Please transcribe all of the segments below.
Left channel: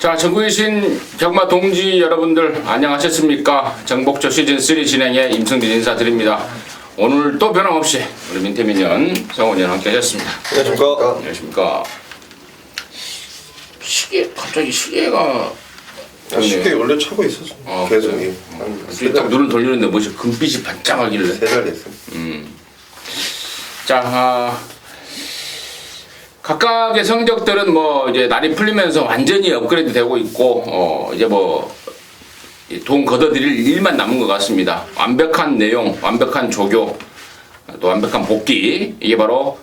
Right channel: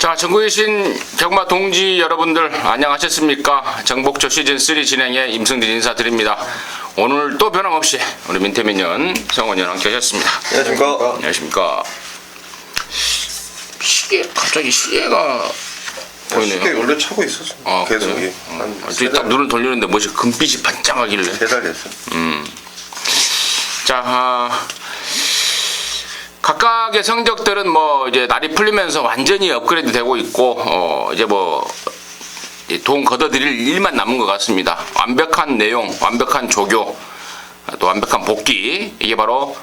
자, 전국에 계신 경마 동지 여러분들 안녕하셨습니까? 정복조 시즌3 진행의 임승진 인사드립니다. 오늘 또 변함없이 우리 민태민연 성원이랑 함께 하셨습니다. 안녕하십니까. 안녕하십니까. 시계, 갑자기 시계가 보이네요. 쉽게 원래 차고 있었어. 계속. 그래요? 한 딱 눈을 돌리는데 뭐지 금빛이 반짝하길래. 3달 됐어. 자, 각각의 성적들은 뭐 이제 날이 풀리면서 완전히 업그레이드 되고 있고, 이제 뭐 돈 걷어들일 일만 남은 것 같습니다. 완벽한 내용, 완벽한 조교, 또 완벽한 복귀, 이게 바로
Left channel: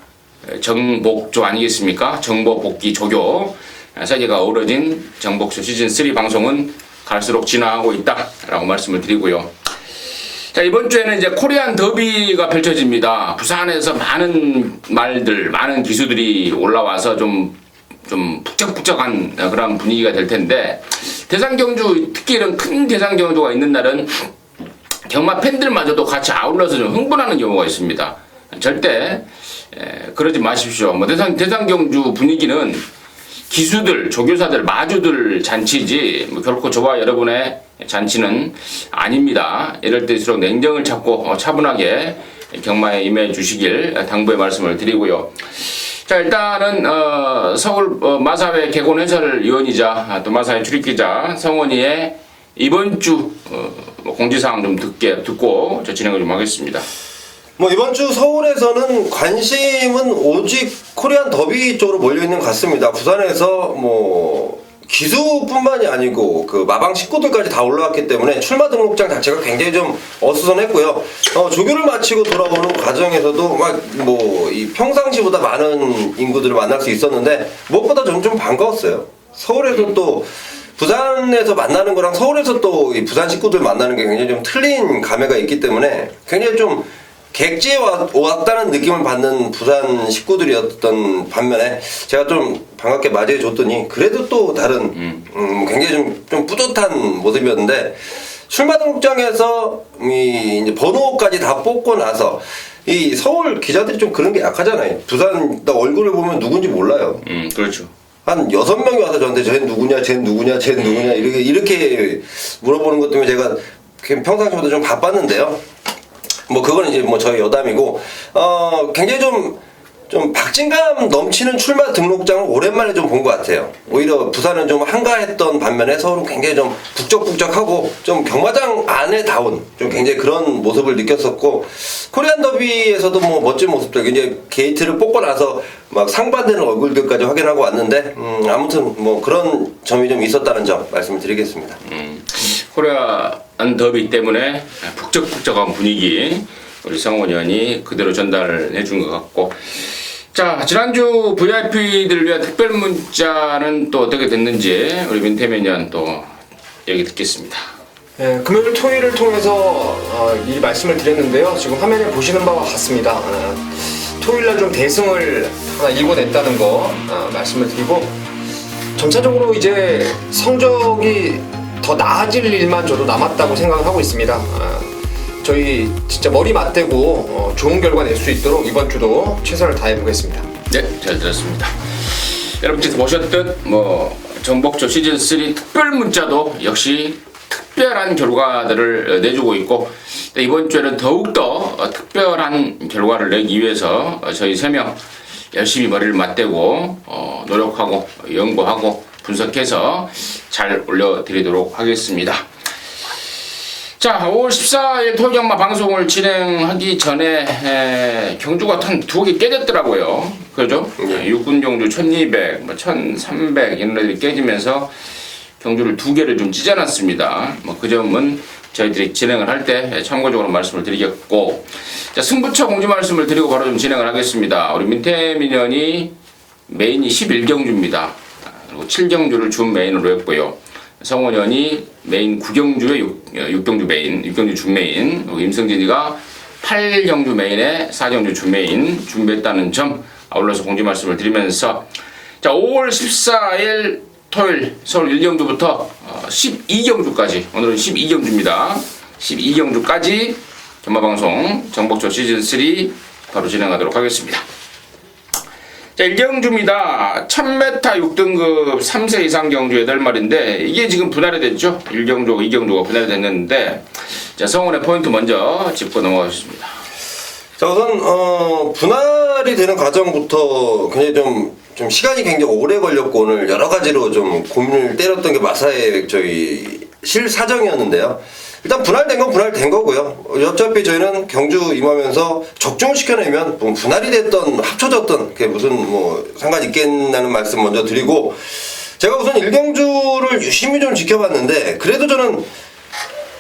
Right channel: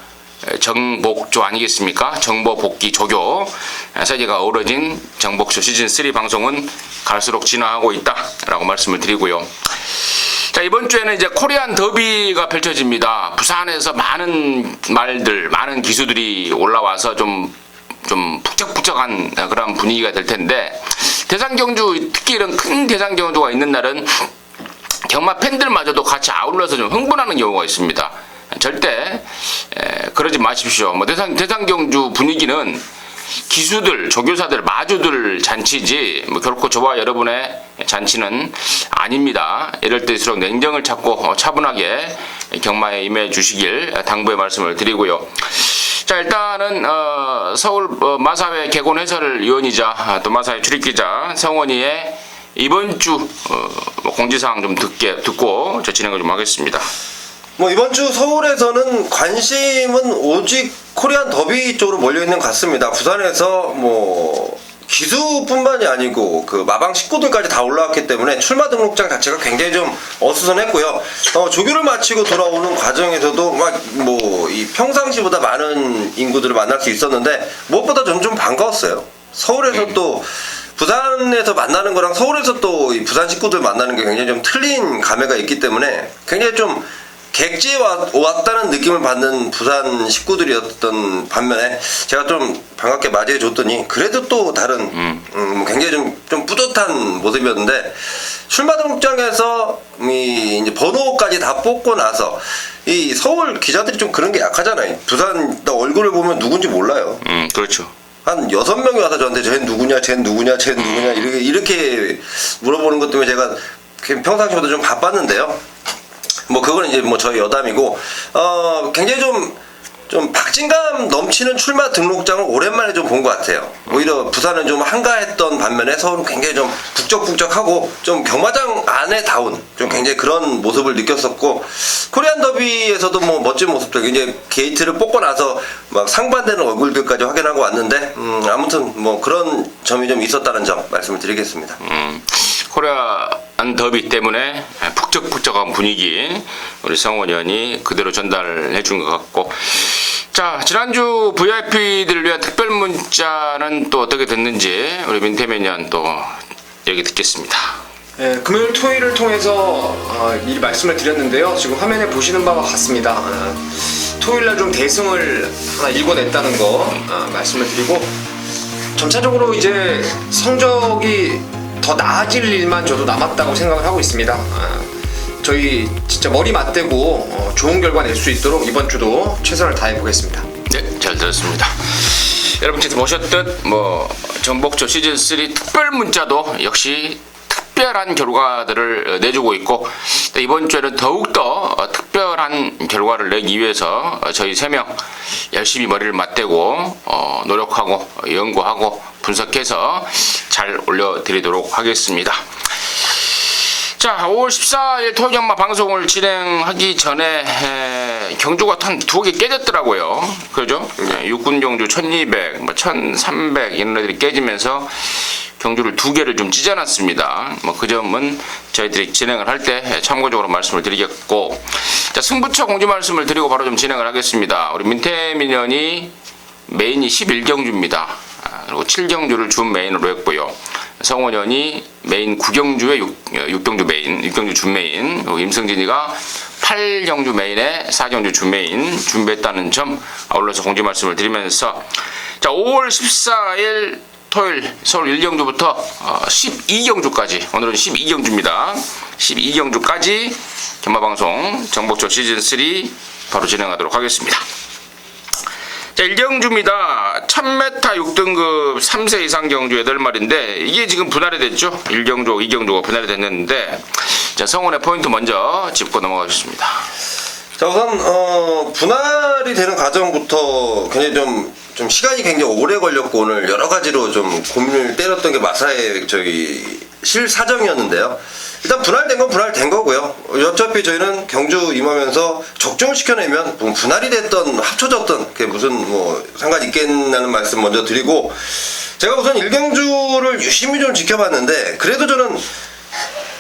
정복조 아니겠습니까? 정보 복귀 조교 세 개가 어우러진 정복조 시즌3 방송은 갈수록 진화하고 있다라고 말씀을 드리고요. 자, 이번 주에는 이제 코리안 더비가 펼쳐집니다. 부산에서 많은 말들, 많은 기수들이 올라와서 좀 북적북적한 그런 분위기가 될 텐데, 대상경주, 특히 이런 큰 대상경주가 있는 날은 경마 팬들마저도 같이 아울러서 좀 흥분하는 경우가 있습니다. 절대 그러지 마십시오. 뭐 대상경주 분위기는 기수들, 조교사들, 마주들 잔치지 뭐 결코 저와 여러분의 잔치는 아닙니다. 이럴 때일수록 냉정을 찾고 차분하게 경마에 임해 주시길 당부의 말씀을 드리고요. 자, 일단은 서울 마사회 개건 해설위원이자 또 마사회 출입기자 성원이의 이번 주 공지사항 좀 듣고 저 진행을 좀 하겠습니다. 뭐 이번 주 서울에서는 관심은 오직 코리안 더비 쪽으로 몰려있는 것 같습니다. 부산에서 뭐 기수뿐만이 아니고 그 마방 식구들까지 다 올라왔기 때문에 출마 등록장 자체가 굉장히 좀 어수선했고요. 조교를 마치고 돌아오는 과정에서도 막 뭐 이 평상시보다 많은 인구들을 만날 수 있었는데 무엇보다 저는 좀 반가웠어요. 서울에서 또 부산에서 만나는 거랑 서울에서 또 이 부산 식구들 만나는 게 굉장히 좀 틀린 감회가 있기 때문에 굉장히 좀 객지에 왔다는 느낌을 받는 부산 식구들이었던 반면에 제가 좀 반갑게 맞이해 줬더니 그래도 또 다른 굉장히 좀 뿌듯한 모습이었는데, 출마 등록장에서 이제 번호까지 다 뽑고 나서 이 서울 기자들이 좀 그런 게 약하잖아요. 부산 나 얼굴을 보면 누군지 몰라요. 그렇죠. 한 6명이 와서 저한테 쟤 누구냐 이렇게 물어보는 것 때문에 제가 평상시보다 좀 바빴는데요. 뭐 그건 이제 뭐 저희 여담이고, 굉장히 좀 박진감 넘치는 출마 등록장을 오랜만에 좀 본 것 같아요. 오히려 부산은 좀 한가했던 반면에 서울은 굉장히 좀 북적북적하고 좀 경마장 안에 다운 좀 굉장히 그런 모습을 느꼈었고, 코리안 더비에서도 뭐 멋진 모습들 이제 게이트를 뽑고 나서 막 상반되는 얼굴들까지 확인하고 왔는데, 아무튼 뭐 그런 점이 좀 있었다는 점 말씀을 드리겠습니다. 코리안 더비 때문에 북적북적한 분위기 우리 성원 의원이 그대로 전달해 준 것 같고, 자, 지난주 VIP들을 위한 특별 문자는 또 어떻게 됐는지 우리 민태민 의원 또 얘기 듣겠습니다. 네, 금요일 토요일을 통해서 미리 말씀을 드렸는데요. 지금 화면에 보시는 바와 같습니다. 토요일날 좀 대승을 하나 읽어냈다는 거 말씀을 드리고, 점차적으로 이제 성적이 더 나아질 일만 저도 남았다고 생각을 하고 있습니다. 저희 진짜 머리 맞대고 좋은 결과 낼 수 있도록 이번 주도 최선을 다해 보겠습니다. 네, 잘 들었습니다. 여러분께서 보셨듯 뭐 정복조 시즌3 특별 문자도 역시 특별한 결과들을 내주고 있고, 이번 주에는 더욱더 특별한 결과를 내기 위해서 저희 3명 열심히 머리를 맞대고 노력하고 연구하고 분석해서 잘 올려드리도록 하겠습니다. 자, 5월 14일 토요경마 방송을 진행하기 전에 경주가 한 2개 깨졌더라고요. 그죠? 육군 경주 1200, 뭐 1300 이런 애들이 깨지면서 경주를 2개를 좀 찢어놨습니다. 뭐 그 점은 저희들이 진행을 할 때 참고적으로 말씀을 드리겠고, 자, 승부처 공지 말씀을 드리고 바로 좀 진행을 하겠습니다. 우리 민태민 의원이 메인이 11경주입니다. 그리고 7경주를 준 메인으로 했고요. 성원 의원이 메인 9경주에 6경주 메인, 6경주 준 메인, 임승진이가 8경주 메인에 4경주 준 메인 준비했다는 점 아울러서 공지 말씀을 드리면서, 자, 5월 14일 토요일 서울 1경주부터 12경주까지, 오늘은 12경주입니다. 12경주까지 경마방송 정복조 시즌3 바로 진행하도록 하겠습니다. 자, 일경주입니다. 1000m 6등급 3세 이상 경주 8마리인데 이게 지금 분할이 됐죠. 1경주, 2경주가 분할이 됐는데 자, 성원의 포인트 먼저 짚고 넘어가겠습니다. 자, 우선 분할이 되는 과정부터 굉장히 좀 시간이 굉장히 오래 걸렸고 오늘 여러 가지로 좀 고민을 때렸던 게 마사의 실사정이었는데요. 일단 분할된 건 분할된 거고요. 어차피 저희는 경주 임하면서 적중을 시켜내면 분할이 됐던 합쳐졌던 그게 무슨 뭐 상관이 있겠냐는 말씀 먼저 드리고, 제가 우선 1경주를 유심히 좀 지켜봤는데 그래도 저는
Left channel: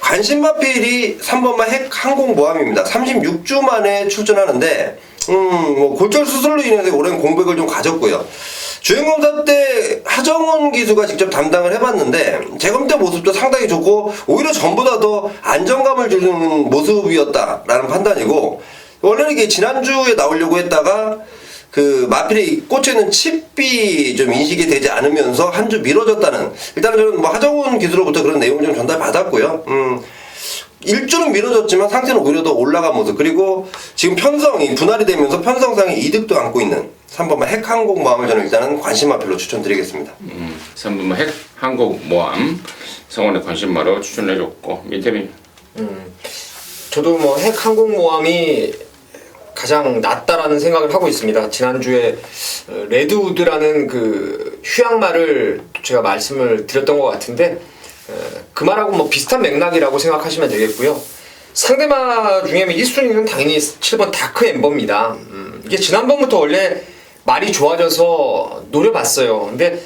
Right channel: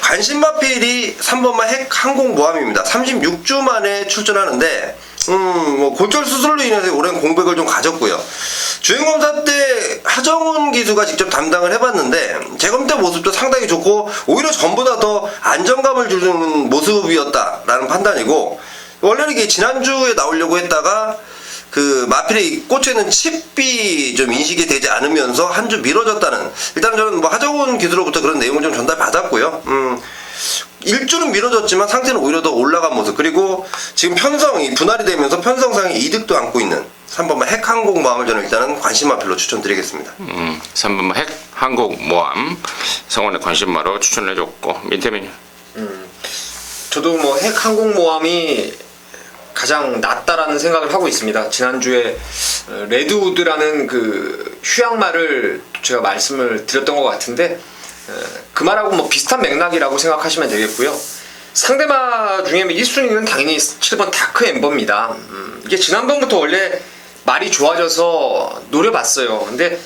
관심마필이 3번마 핵항공모함입니다. 36주 만에 출전하는데 뭐 골절 수술로 인해서 오랜 공백을 좀 가졌고요. 주행검사 때 하정훈 기수가 직접 담당을 해봤는데 재검 때 모습도 상당히 좋고 오히려 전보다 더 안정감을 주는 모습이었다라는 판단이고, 원래는 이게 지난주에 나오려고 했다가 그 마필에 꽂혀있는 칩이 좀 인식이 되지 않으면서 한 주 미뤄졌다는, 일단은 저는 뭐 하정훈 기수로부터 그런 내용을 좀 전달받았고요. 일주는 미뤄졌지만 상태는 오히려 더 올라간 모습, 그리고 지금 편성이 분할이 되면서 편성상의 이득도 안고 있는 3번마 핵항공모함을 저는 일단은 관심마필로 추천드리겠습니다. 3번마 핵항공모함 성원의 관심마로 추천을 해줬고, 민태민. 저도 뭐 핵항공모함이 가장 낫다라는 생각을 하고 있습니다. 지난주에 레드우드라는 그 휴양마를 제가 말씀을 드렸던 것 같은데 그 말하고 뭐 비슷한 맥락이라고 생각하시면 되겠고요. 상대마 중에 1순위는 당연히 7번 다크 엠버입니다. 이게 지난번부터 원래 말이 좋아져서 노려봤어요. 근데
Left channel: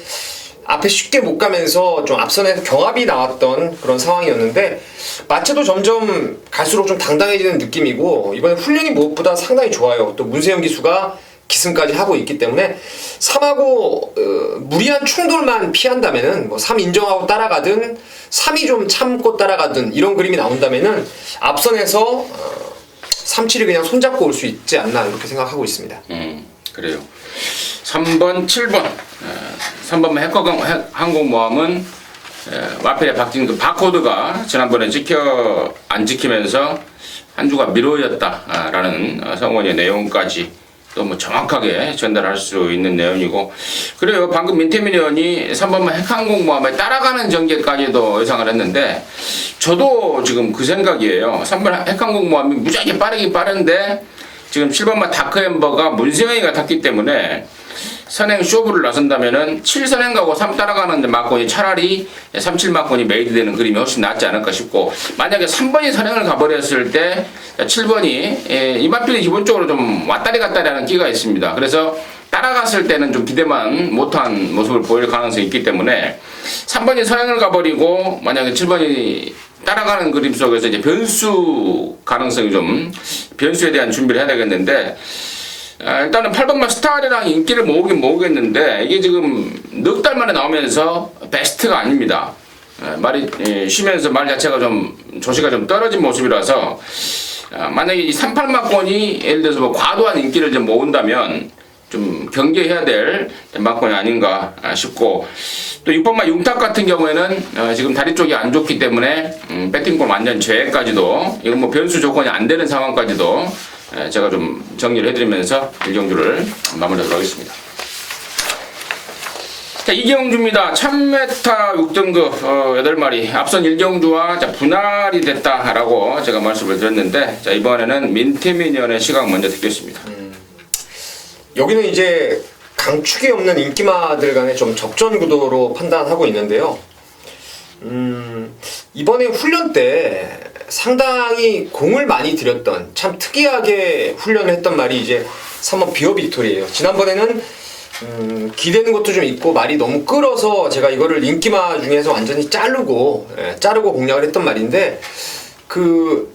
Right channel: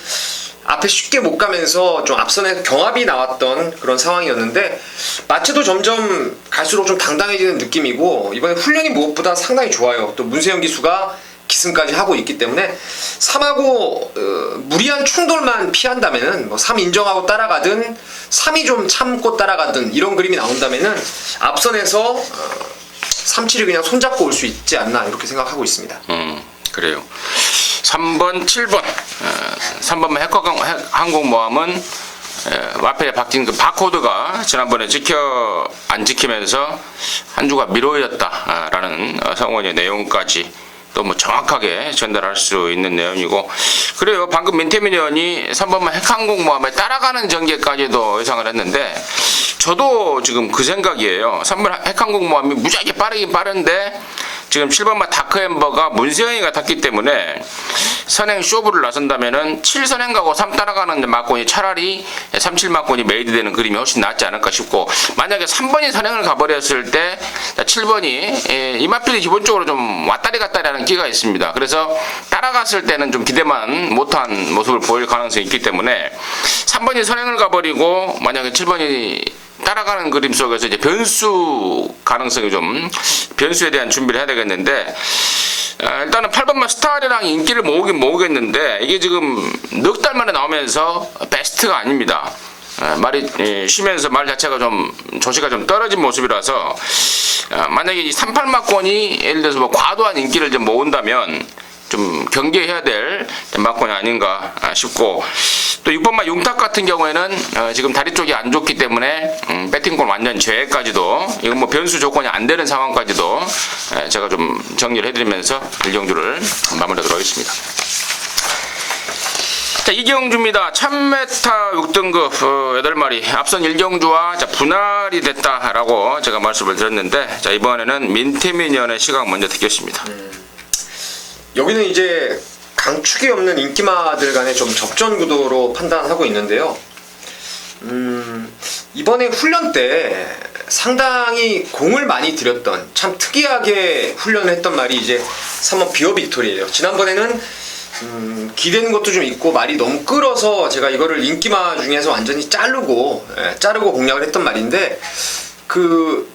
앞에 쉽게 못 가면서 좀 앞선에서 경합이 나왔던 그런 상황이었는데 마체도 점점 갈수록 좀 당당해지는 느낌이고 이번에 훈련이 무엇보다 상당히 좋아요. 또 문세영 기수가 기승까지 하고 있기 때문에 3하고 무리한 충돌만 피한다면은 뭐 3 인정하고 따라가든 3이 좀 참고 따라가든 이런 그림이 나온다면은 앞선에서 3-7을 그냥 손잡고 올 수 있지 않나 이렇게 생각하고 있습니다. 그래요. 3번, 7번 3번 핵항공모함은 마필에 박힌 그 바코드가 지난번에 안 지키면서 한 주가 미뤄졌다라는 성원의 내용까지 또 뭐 정확하게 전달할 수 있는 내용이고, 그래요. 방금 민태민 의원이 3번만 핵항공모함에 따라가는 전개까지도 예상을 했는데 저도 지금 그 생각이에요. 3번 핵항공모함이 무지하게 빠르긴 빠른데 지금 7번마 다크엠버가 문세영이가 탔기 때문에 선행 쇼부를 나선다면은 7선행 가고 3 따라가는 막곤이 차라리 3-7 막곤이 메이드 되는 그림이 훨씬 낫지 않을까 싶고, 만약에 3번이 선행을 가버렸을 때 7번이 이마필이 기본적으로 좀 왔다리 갔다리 하는 끼가 있습니다. 그래서 따라갔을 때는 좀 기대만 못한 모습을 보일 가능성이 있기 때문에 3번이 선행을 가버리고 만약에 7번이 따라가는 그림 속에서 이제 변수 가능성이 좀, 변수에 대한 준비를 해야 되겠는데, 일단은 8번만 스타리랑 인기를 모으겠는데 이게 지금 넉 달 만에 나오면서 베스트가 아닙니다. 말이 쉬면서 말 자체가 좀 조시가 좀 떨어진 모습이라서 만약에 이 38막권이 예를 들어서 뭐 과도한 인기를 좀 모은다면 좀 경계해야 될 막권이 아닌가 싶고, 또 6번마 용탁 같은 경우에는 지금 다리 쪽이 안 좋기 때문에 배팅권 완전 제외까지도, 이건 뭐 변수 조건이 안 되는 상황까지도 제가 좀 정리를 해드리면서 1경주를 마무리하도록 하겠습니다. 자, 2경주입니다. 1000m 6등급 8마리. 앞선 1경주와 분할이 됐다라고 제가 말씀을 드렸는데, 자, 이번에는 민태민 의원의 시각 먼저 듣겠습니다. 여기는 이제 강축이 없는 인기마들 간의 좀 적전 구도로 판단하고 있는데요. 이번에 훈련 때 상당히 공을 많이 들였던, 참 특이하게 훈련을 했던 말이 이제 3번 비어 빅토리예요. 지난번에는 기대는 것도 좀 있고 말이 너무 끌어서 제가 이거를 인기마 중에서 완전히 자르고 공략을 했던 말인데, 그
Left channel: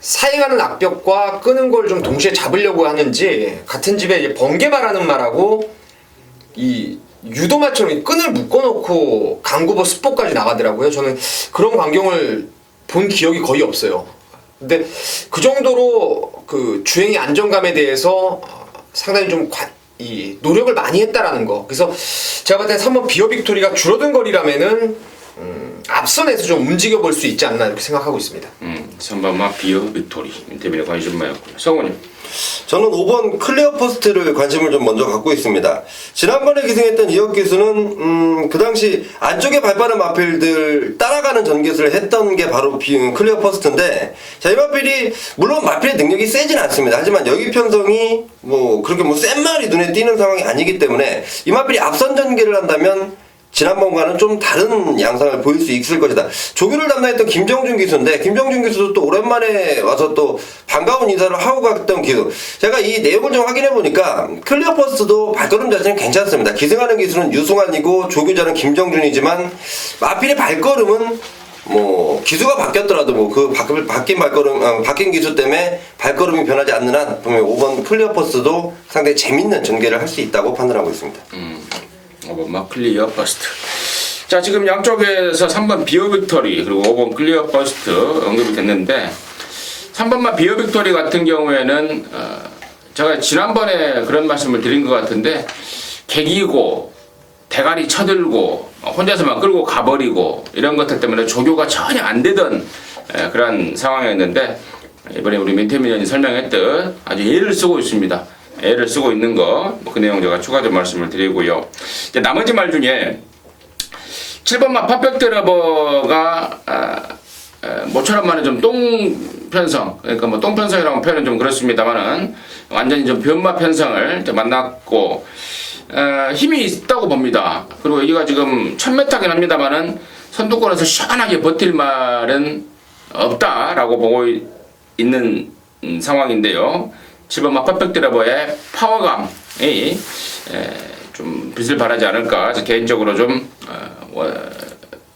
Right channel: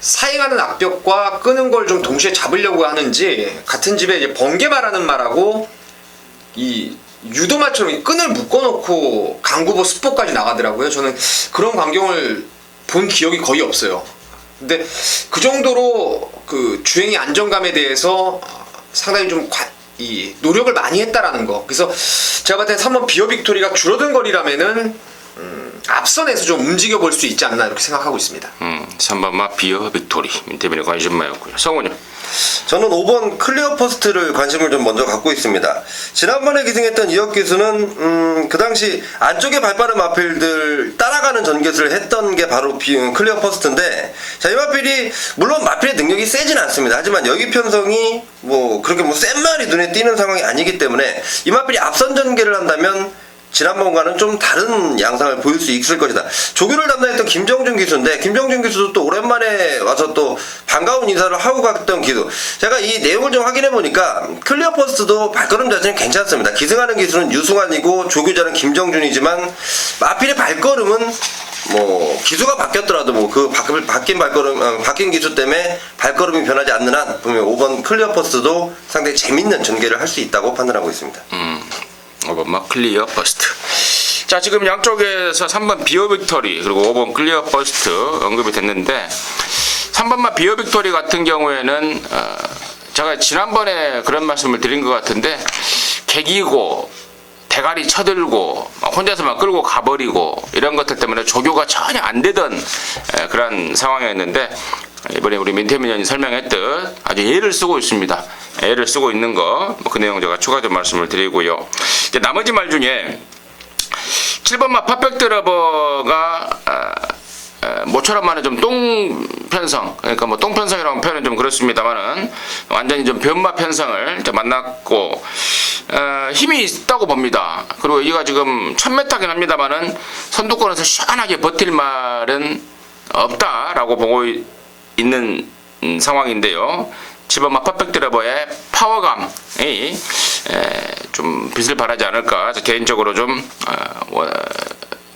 사행하는 악벽과 끄는 걸 좀 동시에 잡으려고 하는지 같은 집에 이제 번개마라는 말하고 이 유도마처럼 이 끈을 묶어놓고 강구보 스포까지 나가더라고요. 저는 그런 광경을 본 기억이 거의 없어요. 근데 그 정도로 그 주행의 안정감에 대해서 상당히 좀 이 노력을 많이 했다라는 거. 그래서 제가 봤을 때 3번 비어 빅토리가 줄어든 거리라면은 앞선에서 좀 움직여 볼 수 있지 않나 이렇게 생각하고 있습니다. 3번마 비어 빅토리 민태민의 관심마였고요. 성우님. 저는 5번 클리어 퍼스트를 관심을 좀 먼저 갖고 있습니다. 지난번에 기승했던 이혁 기수는 그 당시 안쪽에 발빠른 마필들 따라가는 전개수를 했던 게 바로 클리어 퍼스트인데, 자, 이 마필이 물론 마필의 능력이 세진 않습니다. 하지만 여기 편성이 뭐 그렇게 뭐 센 말이 눈에 띄는 상황이 아니기 때문에 이 마필이 앞선 전개를 한다면 지난번과는 좀 다른 양상을 보일 수 있을 것이다. 조교를 담당했던 김정준 기수인데, 김정준 기수도 또 오랜만에 와서 또 반가운 인사를 하고 갔던 기수. 제가 이 내용을 좀 확인해 보니까 클리어 퍼스트도 발걸음 자체는 괜찮습니다. 기승하는 기수는 유승환이고 조교자는 김정준이지만 마필의 발걸음은 뭐 기수가 바뀌었더라도 뭐 그 바뀐 발걸음 바뀐 기수 때문에 발걸음이 변하지 않는 한 분명 5번 클리어 퍼스트도 상당히 재밌는 전개를 할 수 있다고 판단하고 있습니다. 5번 클리어 버스트. 자, 지금 양쪽에서 3번 비어 빅토리 그리고 5번 클리어 버스트 언급이 됐는데, 3번만 비어 빅토리 같은 경우에는 제가 지난번에 그런 말씀을 드린 것 같은데, 개기고 대가리 쳐들고 혼자서만 끌고 가버리고 이런 것들 때문에 조교가 전혀 안 되던 그런 상황이었는데, 이번에 우리 민태민 의원이 설명했듯 아주 애를 쓰고 있습니다. 애를 쓰고 있는 거, 그 내용 제가 추가적으로 말씀을 드리고요. 이제 나머지 말 중에 7번만 퍼펙트 러버가 모처럼만은 좀 똥 편성, 그러니까 뭐 똥 편성이라고 표현은 좀 그렇습니다만은 완전히 좀 변마 편성을 좀 만났고 힘이 있다고 봅니다. 그리고 이가 지금 1000m긴 합니다만은 선두권에서 시원하게 버틸 말은 없다라고 보고 있는 상황인데요. 7번마 퍼펙트 러버의 파워감이 좀 빛을 발하지 않을까, 개인적으로 좀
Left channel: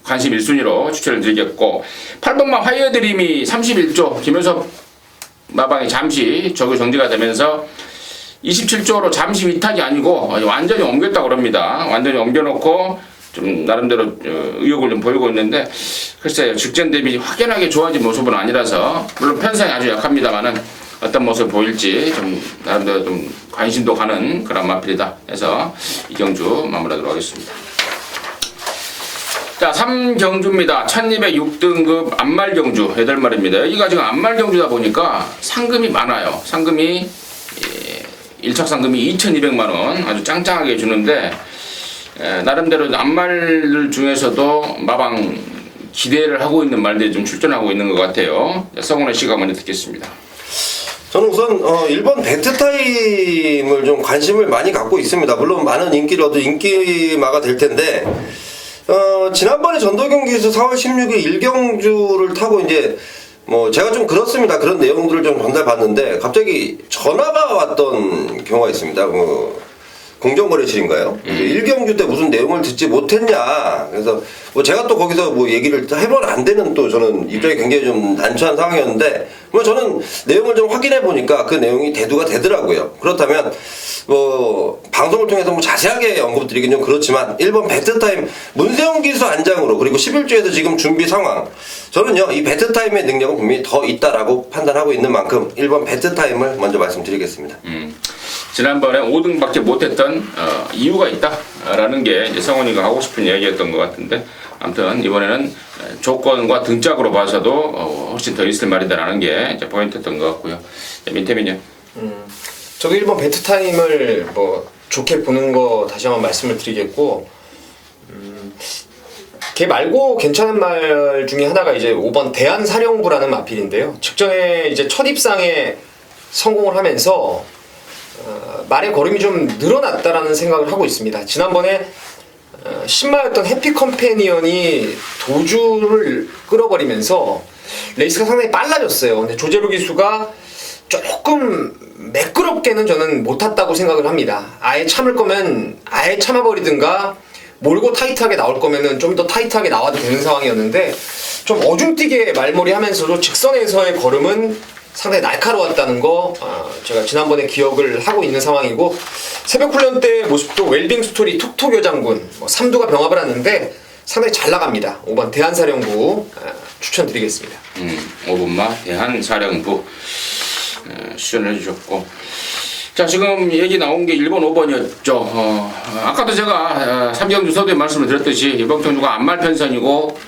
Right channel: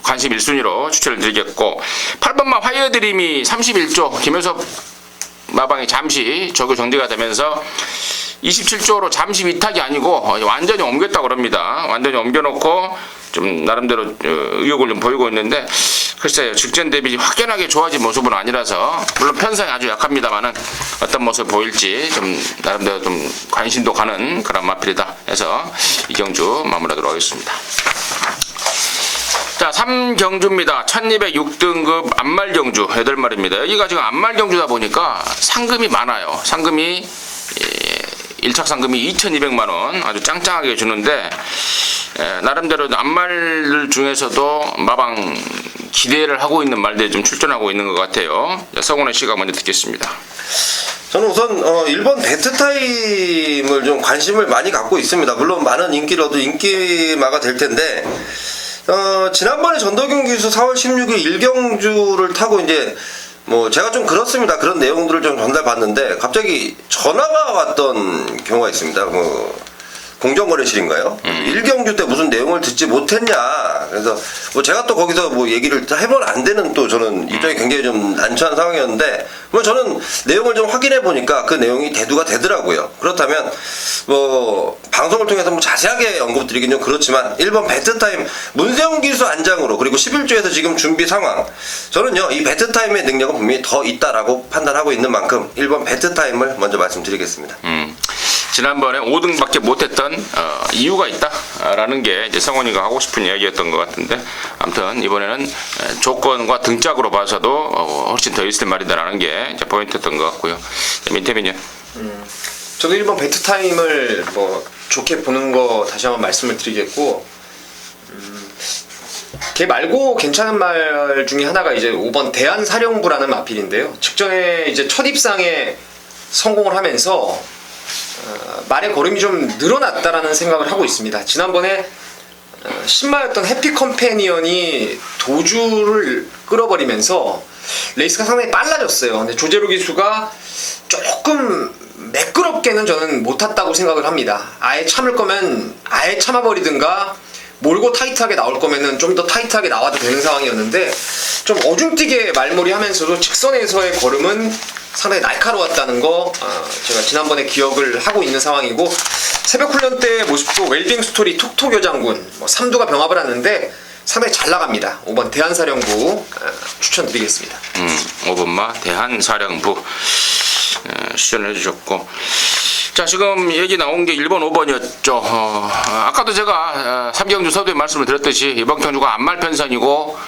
관심 1순위로 추천을 드리겠고, 8번마 화이어 드림이 31조 김효섭 마방이 잠시 조교 정지가 되면서 27조로 잠시 위탁이 아니고 완전히 옮겼다고 합니다. 완전히 옮겨놓고 좀 나름대로 의욕을 좀 보이고 있는데, 글쎄요, 직전 대비 확연하게 좋아진 모습은 아니라서, 물론 편성이 아주 약합니다만은 어떤 모습을 보일지 좀 나름대로 좀 관심도 가는 그런 마필이다 해서 이 경주 마무리하도록 하겠습니다. 자, 3경주입니다. 1206등급 안말경주 8마리입니다. 여기가 지금 안말경주다 보니까 상금이 많아요. 상금이 1착 상금이 2,200만원 아주 짱짱하게 주는데, 나름대로 안말 중에서도 마방 기대를 하고 있는 말들이 좀 출전하고 있는 것 같아요. 서건혜 씨가 먼저 듣겠습니다. 저는 우선 1번 배트타임을 좀 관심을 많이 갖고 있습니다. 물론 많은 인기를 얻어 인기마가 될 텐데, 지난번에 전도경 기수 4월 16일 1경주를 타고 이제 뭐 제가 좀 그렇습니다. 그런 내용들을 좀 전달받는데 갑자기 전화가 왔던 경우가 있습니다. 공정거래실인가요? 1경주 때 무슨 내용을 듣지 못했냐. 그래서 뭐 제가 또 거기서 뭐 얘기를 해보면 안 되는, 또 저는 입장이 굉장히 좀 난처한 상황이었는데, 뭐 저는 내용을 좀 확인해 보니까 그 내용이 대두가 되더라고요. 그렇다면 뭐 방송을 통해서 뭐 자세하게 언급드리긴 좀 그렇지만 1번 배트타임 문세영 기수 안장으로, 그리고 11조에서 지금 준비 상황, 저는요 이 배트타임의 능력은 분명히 더 있다라고 판단하고 있는 만큼 1번 배트타임을 먼저 말씀드리겠습니다. 지난번에 5등밖에 못했던 이유가 있다라는 게 이제 성원이가 하고 싶은 이야기였던 것 같은데, 아무튼 이번에는 조건과 등짝으로 봐서도 훨씬 더 있을 말이다라는 게 이제 포인트였던 것 같고요. 민태민요. 저도 1번 배트타임을 뭐 좋게 보는 거 다시 한번 말씀을 드리겠고, 걔 말고 괜찮은 말 중에 하나가 이제 5번 대한사령부라는 마필인데요. 직전에 이제 첫 입상에 성공을 하면서 말의 걸음이 좀 늘어났다라는 생각을 하고 있습니다. 지난번에 신마였던 해피 컴패니언이 도주를 끌어버리면서 레이스가 상당히 빨라졌어요. 근데 조재루 기수가 조금 매끄럽게는 저는 못 탔다고 생각을 합니다. 아예 참을 거면 아예 참아버리든가, 몰고 타이트하게 나올 거면은 좀 더 타이트하게 나와도 되는 상황이었는데, 좀 어중뛰게 말몰이 하면서도 직선에서의 걸음은 상당히 날카로웠다는 거 제가 지난번에 기억을 하고 있는 상황이고, 새벽 훈련 때 모습도 웰빙 스토리 톡톡 여장군 삼두가 병합을 하는데 상당히 잘 나갑니다. 5번 대한사령부 추천드리겠습니다. 5번마 대한사령부 추천을 해주셨고, 자, 지금 얘기 나온 게 1번, 5번이었죠. 아까도 제가 3경주 서두에 말씀을 드렸듯이 이번 경주가 안말 편성이고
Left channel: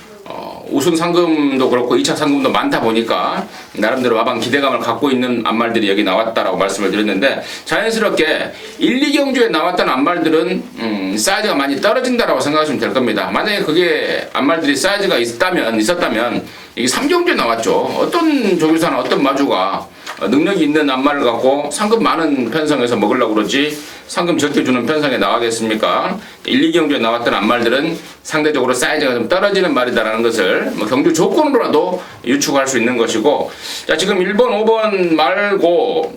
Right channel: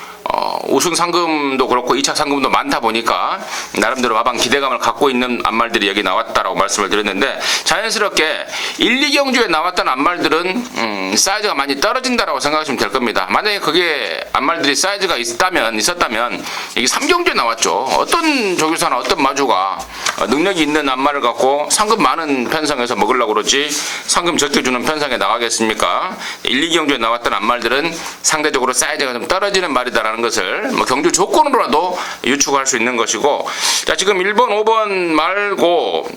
우승 상금도 그렇고 2차 상금도 많다 보니까 나름대로 마방 기대감을 갖고 있는 안말들이 여기 나왔다라고 말씀을 드렸는데 자연스럽게 1, 2경주에 나왔던 안말들은 사이즈가 많이 떨어진다라고 생각하시면 될 겁니다. 만약에 그게 안말들이 사이즈가 있었다면 이게 3경주에 나왔죠. 어떤 조교사나 어떤 마주가 능력이 있는 안말을 갖고 상금 많은 편성에서 먹으려고 그러지 상금 적게 주는 편성에 나가겠습니까? 1, 2경주에 나왔던 안말들은 상대적으로 사이즈가 좀 떨어지는 말이다라는 것을 뭐 경주 조건으로라도 유추할 수 있는 것이고, 자 지금 1번, 5번 말고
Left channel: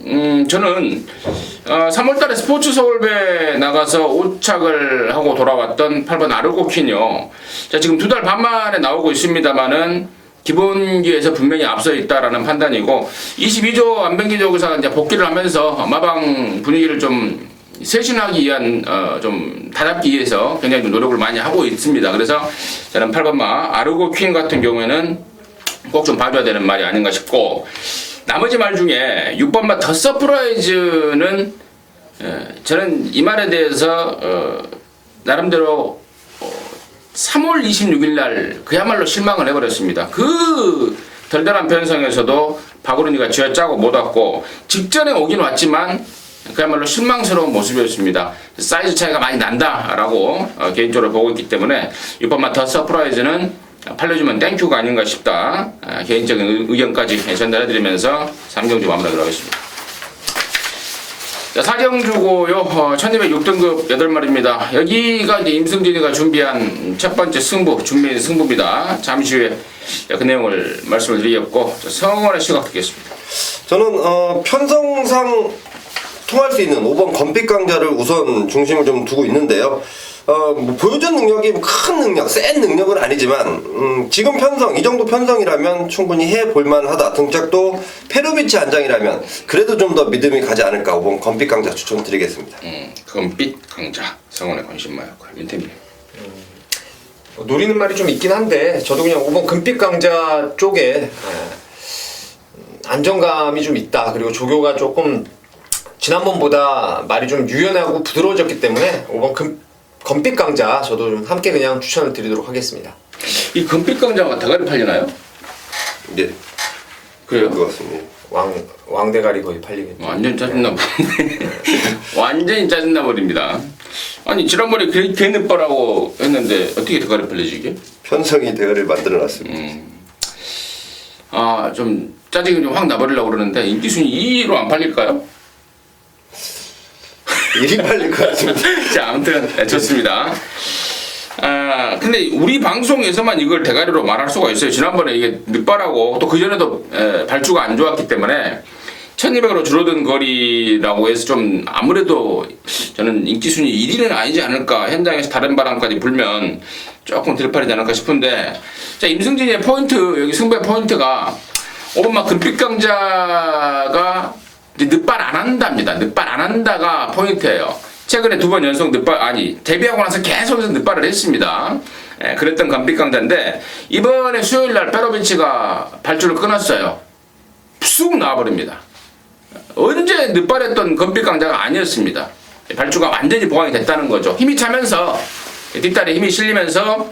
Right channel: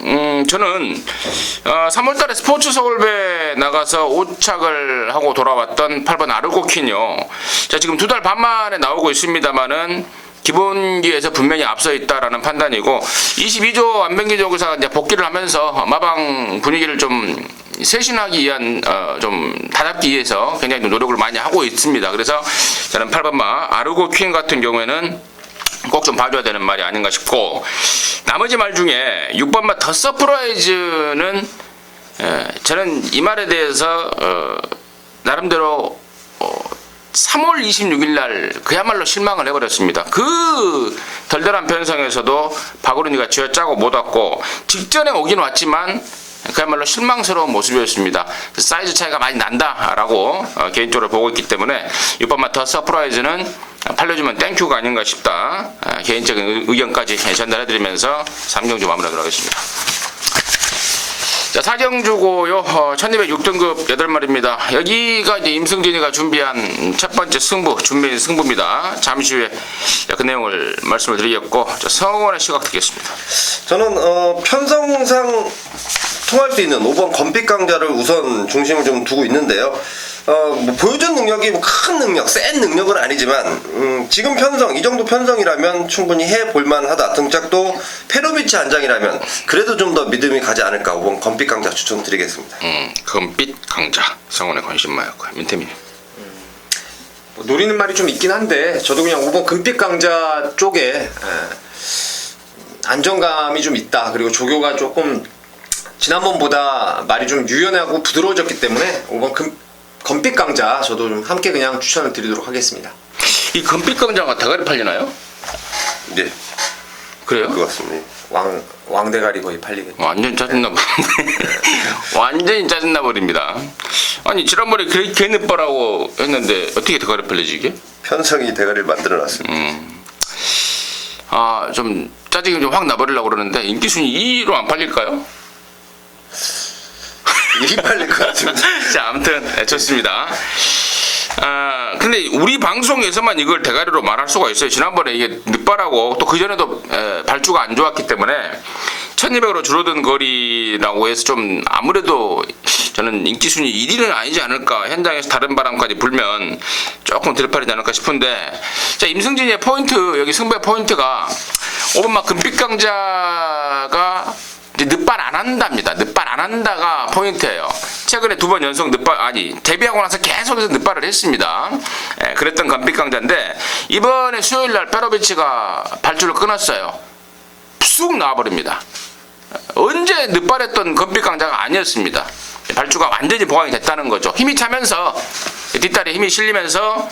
저는 3월달에 스포츠 서울배 나가서 5착을 하고 돌아왔던 8번 아르고퀸이요. 자 지금 2달 반 만에 나오고 있습니다만은 기본기에서 분명히 앞서 있다라는 판단이고 22조 안병기 조교사가 이제 복귀를 하면서 마방 분위기를 좀 쇄신하기 위한 좀 다잡기 위해서 굉장히 좀 노력을 많이 하고 있습니다. 그래서 저는 8번마 아르고 퀸 같은 경우에는 꼭 좀 봐줘야 되는 말이 아닌가 싶고, 나머지 말 중에 6번마 더 서프라이즈는 저는 이 말에 대해서 나름대로 3월 26일 날 그야말로 실망을 해버렸습니다. 그 덜덜한 편성에서도 박우른이가 쥐어짜고 못 왔고 직전에 오긴 왔지만 그야말로 실망스러운 모습이었습니다. 사이즈 차이가 많이 난다라고 개인적으로 보고 있기 때문에 6번만 더 서프라이즈는 팔려주면 땡큐가 아닌가 싶다. 개인적인 의견까지 전달해드리면서 3경주 마무리하도록 하겠습니다. 자, 4경주고요. 1206등급 8마리입니다. 여기가 이제 임승진이가 준비한 첫 번째 승부, 준비 승부입니다. 잠시 후에 그 내용을 말씀을 드리겠고, 성원의 시각 듣겠습니다. 저는 편성상 통할 수 있는 5번 건빛 강자를 우선 중심을 좀 두고 있는데요. 뭐 보여준 능력이 뭐 큰 능력, 센 능력은 아니지만 지금 편성, 이 정도 편성이라면 충분히 해볼만 하다. 등짝도 페로비치 안장이라면 그래도 좀 더 믿음이 가지 않을까. 5번 건빛 강자 추천드리겠습니다. 건빛 강자, 성원의 관심마였고요. 민태민. 노리는 말이 좀 있긴 한데 저도 그냥 5번 금빛 강자 쪽에 안정감이 좀 있다. 그리고 조교가 조금 지난번보다 말이 좀 유연하고 부드러워졌기 때문에 5번 건빛 강자 저도 좀 함께 그냥 추천을 드리도록 하겠습니다. 이 건빛 강자가 대가리 팔리나요? 네, 그래요? 그것 같습니다. 왕대가리 거의 팔리겠죠. 완전 짜증나 버리네. 완전히 짜증나 버립니다. 아니 지난번에 개 늦바라고 했는데 어떻게 대가리 팔리지 이게? 편성이 대가리를 만들어놨습니다. 좀 짜증이 좀 확 나버리려고 그러는데 인기 순위 2위로 안 팔릴까요? 일이 팔릴 것 같습니다. 자, 아무튼 좋습니다. 근데 우리 방송에서만 이걸 대가리로 말할 수가 있어요. 지난번에 이게 늦바라고 또 그전에도 발주가 안 좋았기 때문에 1200으로 줄어든 거리라고 해서 좀 아무래도 저는 인기 순위 1위는 아니지 않을까. 현장에서 다른 바람까지 불면 조금 들팔리지 않을까 싶은데, 자, 임승진의 포인트, 여기 승부의 포인트가 5번만 금빛강자가 늦발 안 한답니다. 늦발 안 한다가 포인트예요. 최근에 2번 연속 데뷔하고 나서 계속해서 늦발을 했습니다. 그랬던 건빛강자인데 이번에 수요일날 페로비치가 발주를 끊었어요. 쑥 나와버립니다. 언제 늦발했던 건빛강자가 아니었습니다. 발주가 완전히 보강이 됐다는 거죠. 힘이 차면서 뒷다리에 힘이 실리면서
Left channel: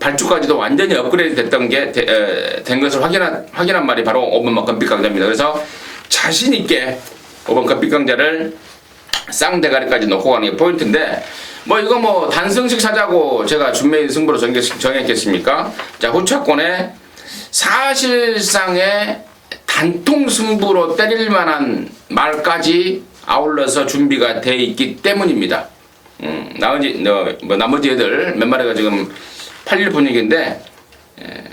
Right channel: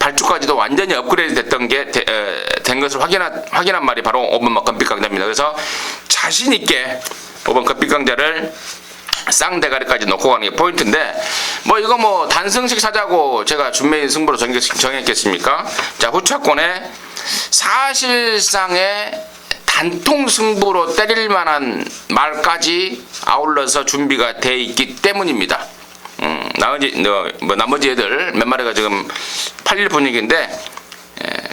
발주까지도 완전히 업그레이드 됐던 게 된 것을 확인한 말이 바로 5번 건빛강자입니다. 그래서 자신 있게 5번 건빛강자를 쌍대가리까지 놓고 가는 게 포인트인데, 뭐 이거 뭐 단승식 사자고 제가 준매인 승부로 정했겠습니까? 자, 후차권에 사실상의 단통 승부로 때릴 만한 말까지 아울러서 준비가 돼 있기 때문입니다. 나머지 애들 몇 마리가 지금 팔릴 분위기인데,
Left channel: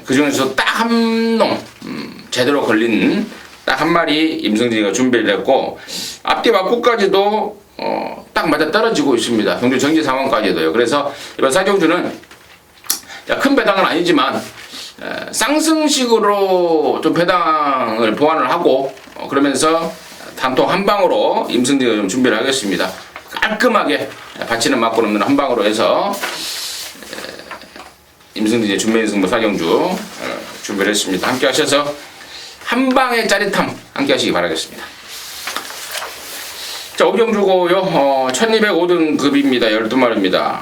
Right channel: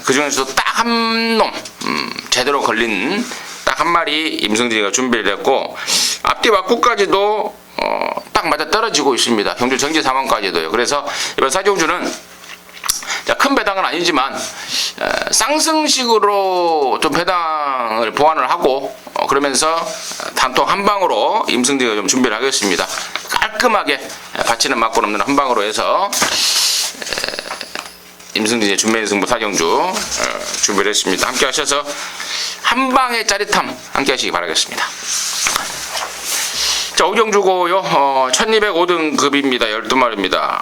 그 중에서 딱 한 놈, 제대로 걸린 딱 한 마리 임승진이가 준비를 했고, 앞뒤 맞고까지도 딱 맞아 떨어지고 있습니다. 경주 정지 상황까지도요. 그래서 이번 사경주는 큰 배당은 아니지만 쌍승식으로 좀 배당을 보완을 하고 그러면서 단통 한 방으로 임승진이가 좀 준비를 하겠습니다. 깔끔하게 받치는 맞고 넘는 한 방으로 해서 임승진의 준매인 승부 사경주 준비를 했습니다. 함께 하셔서 한 방의 짜릿함 함께 하시기 바라겠습니다. 자, 5경주고요. 1205등급입니다. 12마리입니다.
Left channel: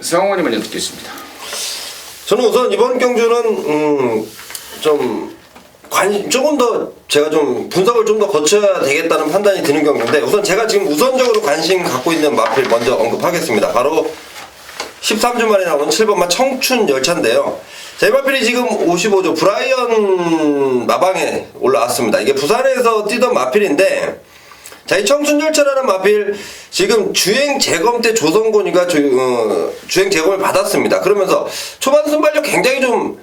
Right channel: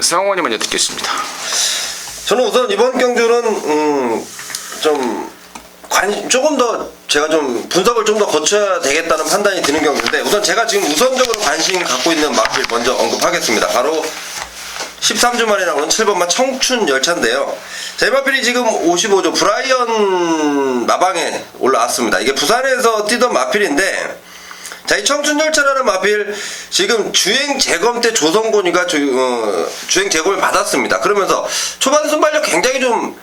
성원이 먼저 듣겠습니다. 저는 우선 이번 경주는 조금 더 제가 좀 분석을 좀 더 거쳐야 되겠다는 판단이 드는 경우인데, 우선 제가 지금 우선적으로 관심 갖고 있는 마필 먼저 언급하겠습니다. 바로 13주 만에 나오는 7번마 청춘 열차인데요. 제 마필이 지금 55조 브라이언 마방에 올라왔습니다. 이게 부산에서 뛰던 마필인데, 자, 이 청춘열차라는 마필 지금 주행 재검 때 조성곤이가 주행 재검을 받았습니다. 그러면서 초반 순발력 굉장히 좀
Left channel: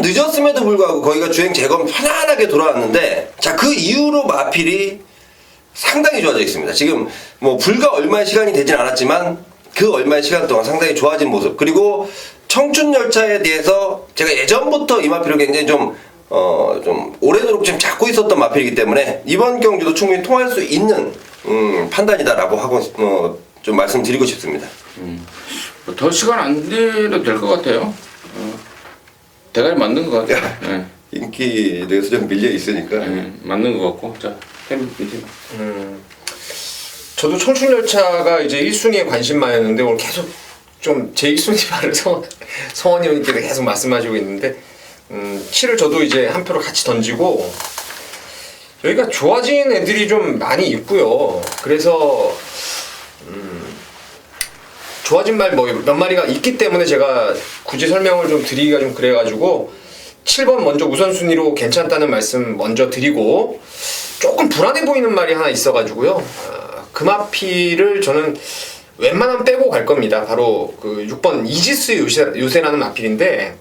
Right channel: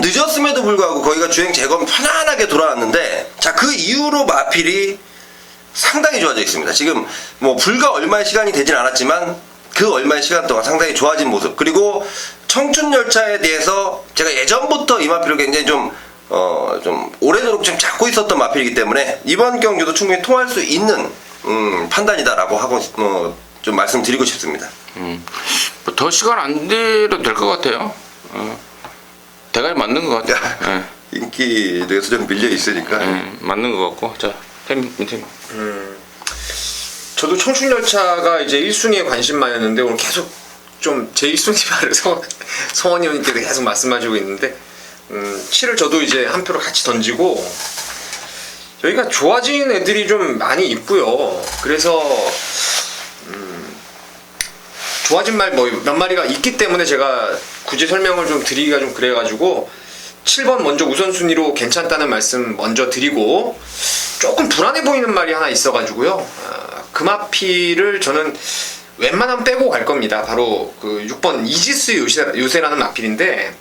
늦었음에도 불구하고 거기가 주행 재검 편안하게 돌아왔는데, 자, 그 이후로 마필이 상당히 좋아져 있습니다. 지금 뭐 불과 얼마의 시간이 되진 않았지만 그 얼마의 시간 동안 상당히 좋아진 모습, 그리고 청춘열차에 대해서 제가 예전부터 이 마필을 굉장히 좀 오래도록 좀 잡고 있었던 마필이기 때문에 이번 경주도 충분히 통할 수 있는 판단이다라고 하고 좀 말씀드리고 싶습니다. 뭐더 시간 안 들여도 될 것 같아요. 대가리 맞는 것 같아요. 예. 인기에 대해서 좀 밀려 있으니까. 맞는 것 같고. 자, 팀. 저도 청춘열차가 이제 1순위에 관심만이었는데 오늘 계속 좀 제 1순위 말을 성원 의원님께서 계속 말씀하시고 있는데 7을 저도 이제 한 표를 같이 던지고, 여기가 좋아진 애들이 좀 많이 있고요. 그래서 좋아진 말 뭐 몇 마리가 있기 때문에 제가 굳이 설명을 좀 드리기가 좀 그래가지고 7번 먼저 우선순위로 괜찮다는 말씀 먼저 드리고, 조금 불안해 보이는 말이 하나 있어가지고요. 그 마필을 저는 웬만하면 빼고 갈 겁니다. 바로 그 6번 이지스 요새라는 마필인데,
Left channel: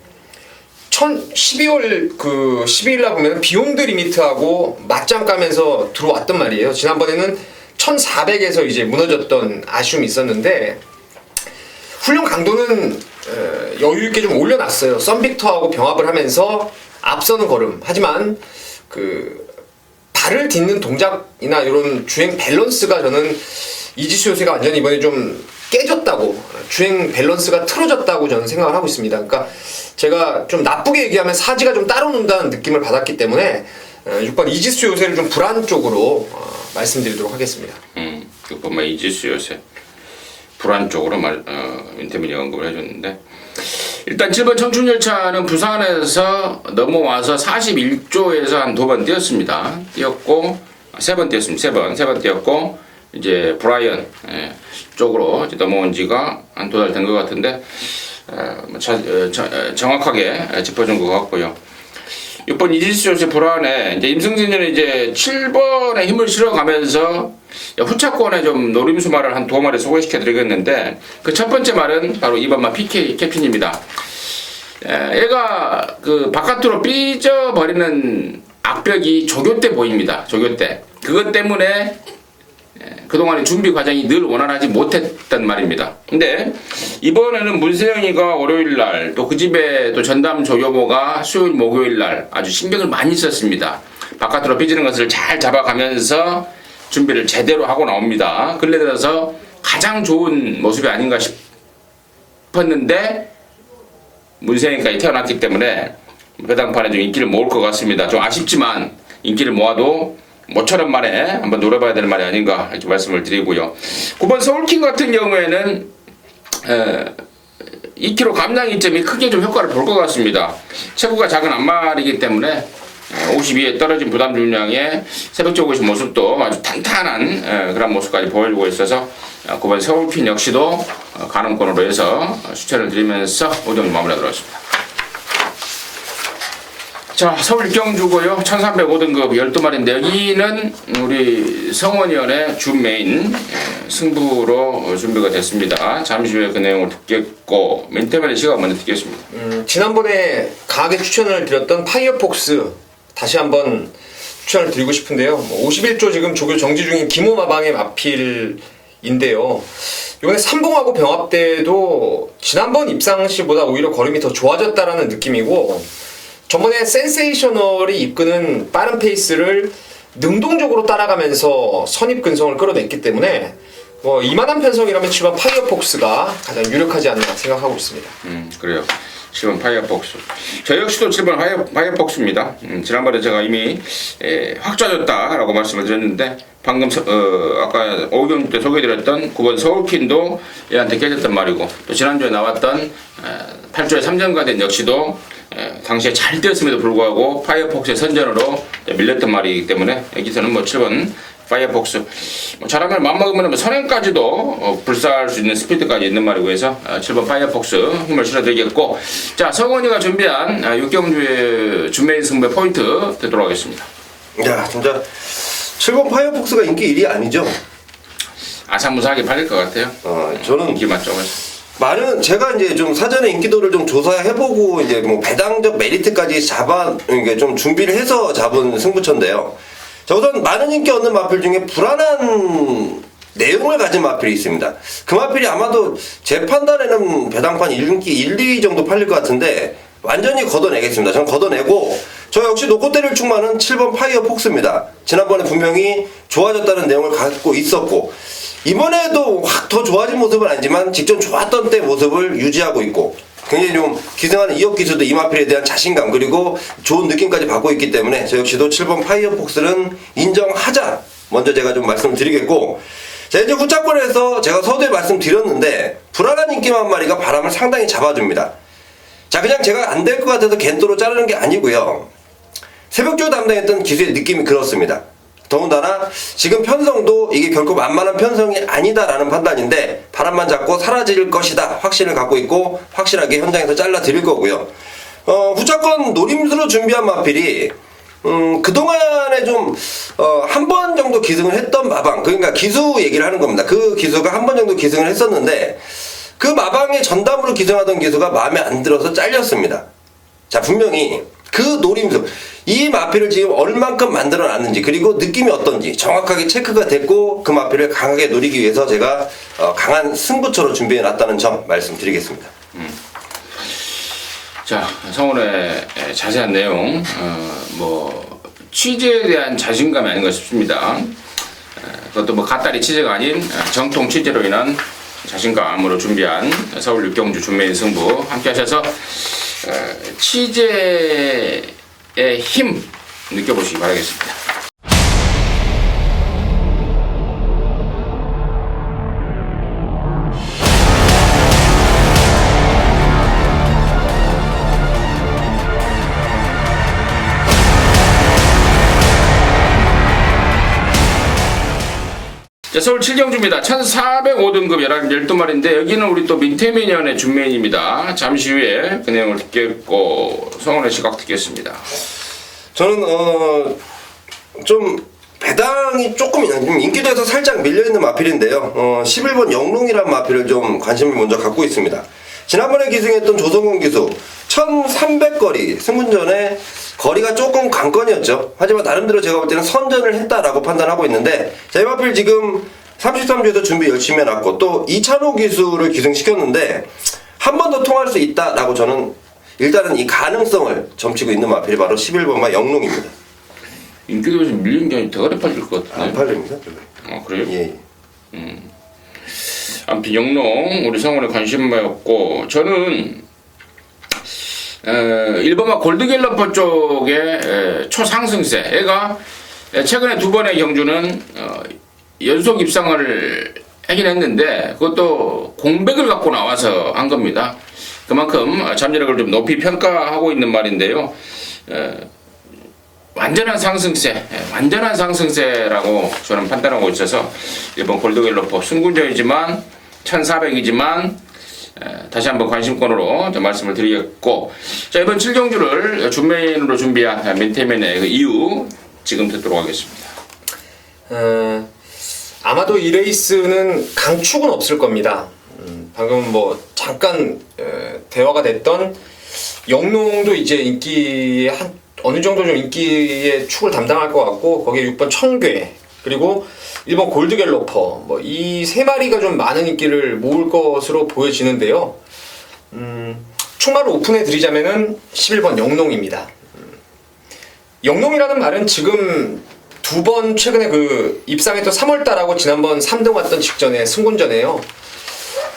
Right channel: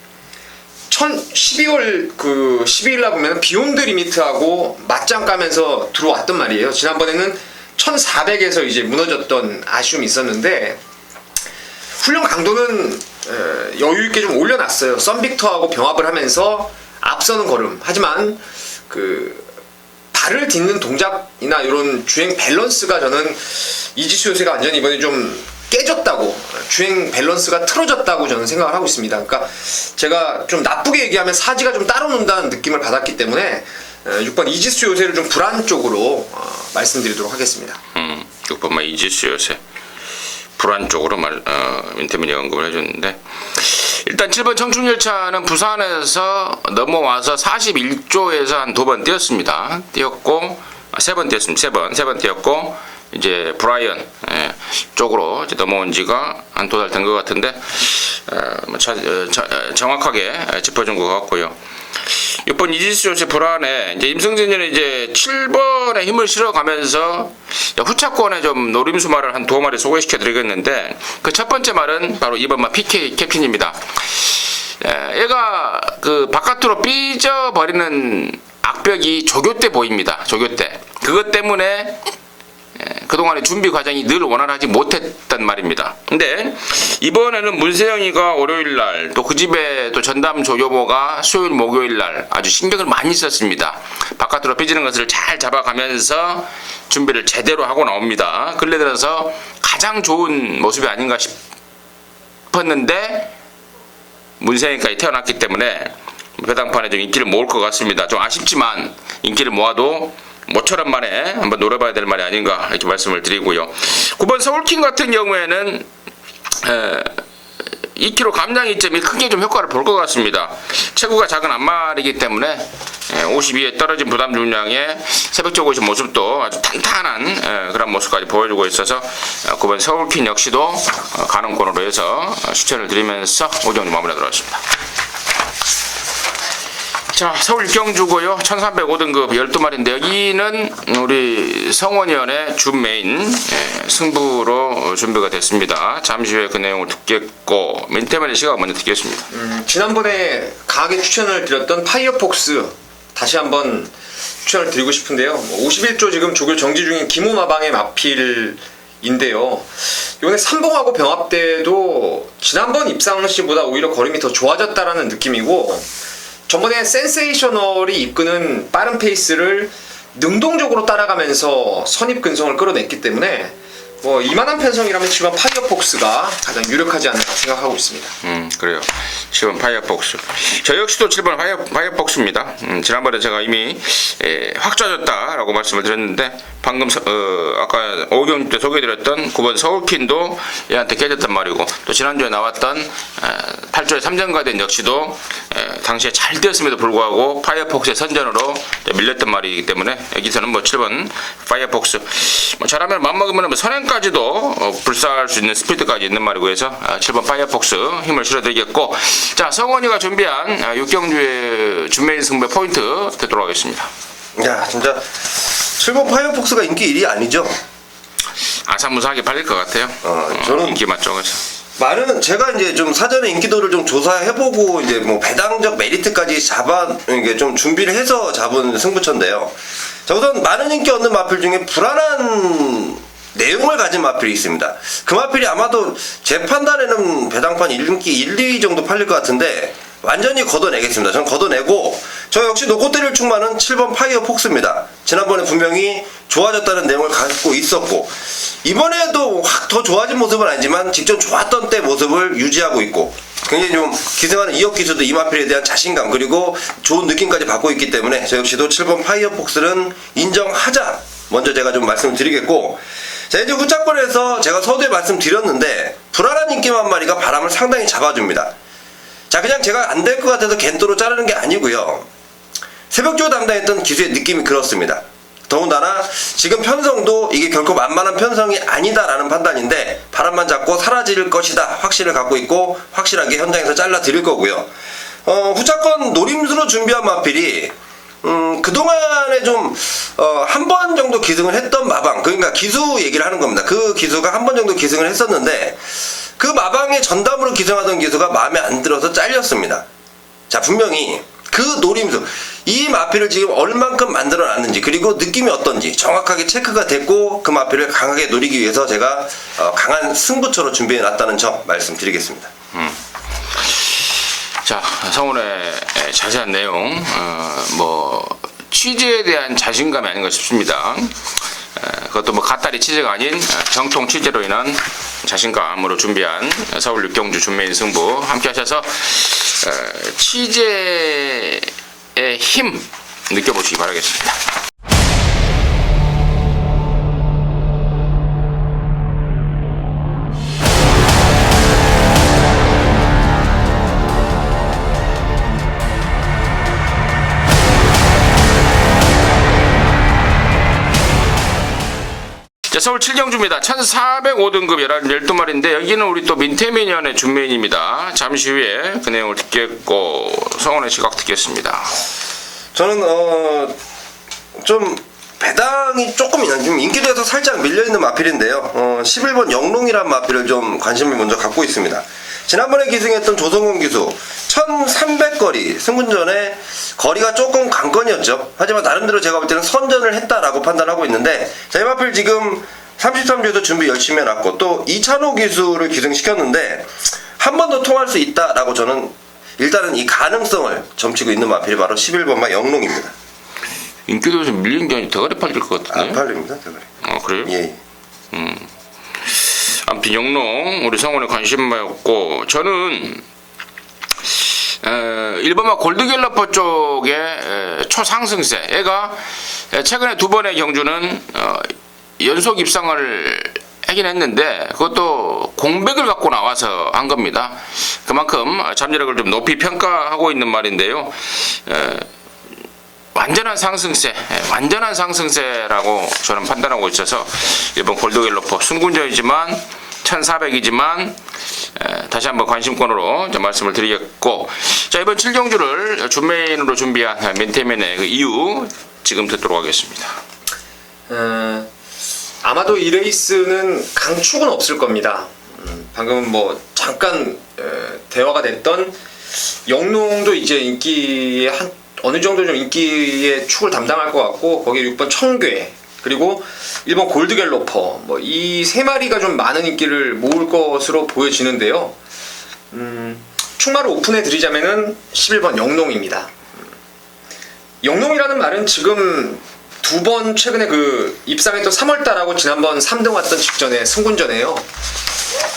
12월 12일날 보면 비욘드 리미트하고 맞짱 까면서 들어왔단 말이에요. 지난번에는 1400에서 이제 무너졌던 아쉬움이 있었는데, 훈련 강도는 여유있게 좀 올려놨어요. 썬빅터하고 병합을 하면서 앞서는 걸음. 하지만 그 발을 딛는 동작이나 이런 주행 밸런스가 저는 이지수 요새가 완전히 이번에 좀 깨졌다고, 주행 밸런스가 틀어졌다고 저는 생각을 하고 있습니다. 그러니까 제가 좀 나쁘게 얘기하면 사지가 좀 따로 논다는 느낌을 받았기 때문에 6번 이지수 요새를 좀 불안 쪽으로 말씀드리도록 하겠습니다. 6번마 이지수 요새 불안 쪽으로 민태민이 언급을 해줬는데, 일단 7번 청춘열차는 부산에서 넘어와서 41조에서 한 2번 뛰었습니다. 뛰었고, 3번 뛰었습니다. 3번 뛰었고, 이제 브라이언 쪽으로 이제 넘어온 지가 한 2달 된 것 같은데, 정확하게 짚어준 것 같고요. 6번 이지수 요새 불안에 이제 임승진이 이제 7번에 힘을 실어가면서 후차권에 좀 노림수 말을 한 2마리 소개시켜 드리겠는데, 그 첫 번째 말은 바로 2번마 PK 캡틴입니다. 얘가 그 바깥으로 삐져버리는 악벽이 조교 때 보입니다. 조교 때. 그것 때문에 그동안의 준비 과정이 늘 원활하지 못했단 말입니다. 근데 이번에는 문세영이가 월요일날, 또 그 집에 또 전담 조교모가 수요일 목요일날 아주 신경을 많이 썼습니다. 바깥으로 삐지는 것을 잘 잡아가면서 준비를 제대로 하고 나옵니다. 근래 들어서 가장 좋은 모습이 아닌가 싶었는데, 문세영이까지 태어났기 때문에 배당판에 좀 인기를 모을 것 같습니다. 좀 아쉽지만 인기를 모아도 모처럼 만에 한번 노려봐야 될 말이 아닌가 이렇게 말씀을 드리고요. 9번 서울킹 같은 경우에는 2kg 감량 이점이 크게 좀 효과를 볼 것 같습니다. 체구가 작은 앞말이기 때문에 52에 떨어진 부담 중량의 새벽적 오신 모습도 아주 탄탄한 그런 모습까지 보여주고 있어서 9번 서울킹 역시도 가능권으로 해서 추천을 드리면서 오전 마무리하도록 하겠습니다. 자, 서울 경주고요. 1305등급 12마리인데 여기는 우리 성원위원의 준 메인 승부로 준비가 됐습니다. 잠시 후에 그 내용을 듣겠고, 민태만의 시각 먼저 듣겠습니다. 지난번에 강하게 추천을 드렸던 파이어폭스 다시 한번 추천을 드리고 싶은데요. 51조 지금 조교 정지 중인 김호마방의 마필인데요. 이번에 삼봉하고 병합 때도 지난번 입상 시보다 오히려 걸음이 더 좋아졌다라는 느낌이고, 저번에 센세이셔널이 이끄는 빠른 페이스를 능동적으로 따라가면서 선입 근성을 끌어냈기 때문에 뭐 이만한 편성이라면 7번 파이어폭스가 가장 유력하지 않나 생각하고 있습니다. 그래요. 7번 파이어폭스. 저 역시도 7번 파이어폭스입니다. 지난번에 제가 이미 확 좋아졌다라고 말씀을 드렸는데 방금 아까 오경 때 소개해드렸던 9번 서울킨도 얘한테 깨졌단 말이고 또 지난주에 나왔던 8조의 3전 가든 역시도 당시에 잘 뛰었음에도 불구하고 파이어폭스의 선전으로 밀렸던 말이기 때문에 여기서는 뭐 7번 파이어폭스 뭐 잘하면 맘먹으면 뭐 선행까지도 불사할 수 있는 스피드까지 있는 말이고 해서 7번 파이어폭스 힘을 실어드리겠고 자 성원이가 준비한 6경주의 준메인 승부의 포인트 듣도록 하겠습니다. 야 진짜 7번 파이어폭스가 인기 1위 아니죠? 아사무사하게 팔릴 것 같아요. 저는 인기 맞죠. 많은 제가 이제 좀 사전에 인기도를 좀 조사해보고 이제 뭐 배당적 메리트까지 잡아 이게 좀 준비를 해서 잡은 승부처인데요. 자 우선 많은 인기 얻는 마필 중에 불안한 내용을 가진 마필이 있습니다. 그 마필이 아마도 제 판단에는 배당판 인기 1, 2 정도 팔릴 것 같은데 완전히 걷어내겠습니다. 전 걷어내고 저 역시 노고대를 충만한 7번 파이어폭스입니다. 지난번에 분명히 좋아졌다는 내용을 갖고 있었고 이번에도 확 더 좋아진 모습은 아니지만 직전 좋았던 때 모습을 유지하고 있고 굉장히 좀 기승하는 이역 기수도 이 마필에 대한 자신감 그리고 좋은 느낌까지 받고 있기 때문에 저 역시도 7번 파이어폭스는 인정하자 먼저 제가 좀 말씀드리겠고 자 이제 후차권에서 제가 서두에 말씀드렸는데 불안한 인기만 한 마리가 바람을 상당히 잡아줍니다. 자 그냥 제가 안 될 것 같아서 겐토로 자르는 게 아니고요. 새벽조 담당했던 기수의 느낌이 그렇습니다. 더군다나 지금 편성도 이게 결코 만만한 편성이 아니다라는 판단인데 바람만 잡고 사라질 것이다 확신을 갖고 있고 확실하게 현장에서 잘라 드릴 거고요. 후차권 노림수로 준비한 마필이 그동안에 좀 한 번 정도 기승을 했던 마방 그러니까 기수 얘기를 하는 겁니다. 그 기수가 한 번 정도 기승을 했었는데 그 마방의 전담으로 기승하던 기수가 마음에 안 들어서 잘렸습니다. 자 분명히 그 노림수 이 마필을 지금 얼만큼 만들어 놨는지 그리고 느낌이 어떤지 정확하게 체크가 됐고 그 마필을 강하게 노리기 위해서 제가 강한 승부처로 준비해 놨다는 점 말씀드리겠습니다. 자 성원의 자세한 내용 뭐 취재에 대한 자신감이 아닌가 싶습니다. 그것도 뭐 갓다리 취재가 아닌 정통 취재로 인한 자신감으로 준비한 서울 6경주 준메인 승부 함께 하셔서 취재의 힘 느껴보시기 바라겠습니다. 자, 서울 7경주입니다. 1405등급 12마리인데 여기는 우리 또 민태민연의 준메인입니다. 잠시 후에 그 내용을 듣겠고 성원의 시각 듣겠습니다. 저는 좀 배당이 조금 좀 인기도에서 살짝 밀려있는 마필인데요. 11번 영롱이란 마필을 좀 관심을 먼저 갖고 있습니다. 지난번에 기승했던 조성훈 기수 1300거리 승분전에 거리가 조금 관건이었죠. 하지만 나름대로 제가 볼 때는 선전을 했다라고 판단하고 있는데 자, 이 마필 지금 33주에서 준비 열심히 해놨고 또 이찬호 기수를 기승시켰는데 한 번 더 통할 수 있다라고 저는 일단은 이 가능성을 점치고 있는 마필이 바로 11번마 영롱입니다. 인기도에서 밀린 게 아니라 대가리 팔릴 것 같은데. 안 팔립니다. 대가리. 그래요? 예. 아무튼 영롱 우리 성원에 관심이었고 저는 1번마 골드갤러퍼 쪽의 초상승세 애가 최근에 2번의 경주는 연속 입상을 하긴 했는데 그것도 공백을 갖고 나와서 한 겁니다. 그만큼 잠재력을 좀 높이 평가하고 있는 말인데요. 완전한 상승세라고 저는 판단하고 있어서 1번 골드갤러퍼 승군전이지만 1400이지만 다시 한번 관심권으로 좀 말씀을 드리겠고 자 이번 7경주를 준메인으로 준비한 민태민의 그 이유 지금 듣도록 하겠습니다. 아마도 이 레이스는 강축은 없을 겁니다. 방금 뭐 잠깐 대화가 됐던 영농도 이제 인기의 어느 정도 좀 인기의 축을 담당할 것 같고 거기에 6번 청괴 그리고 1번 골드갤러퍼 뭐 이 세 마리가 좀 많은 인기를 모을 것으로 보여지는데요. 축마를 오픈해 드리자면은 11번 영농입니다. 영농이라는 말은 지금 2번 최근에 그 입상했던 3월달하고 지난번 3등 왔던 직전에 승군전에요.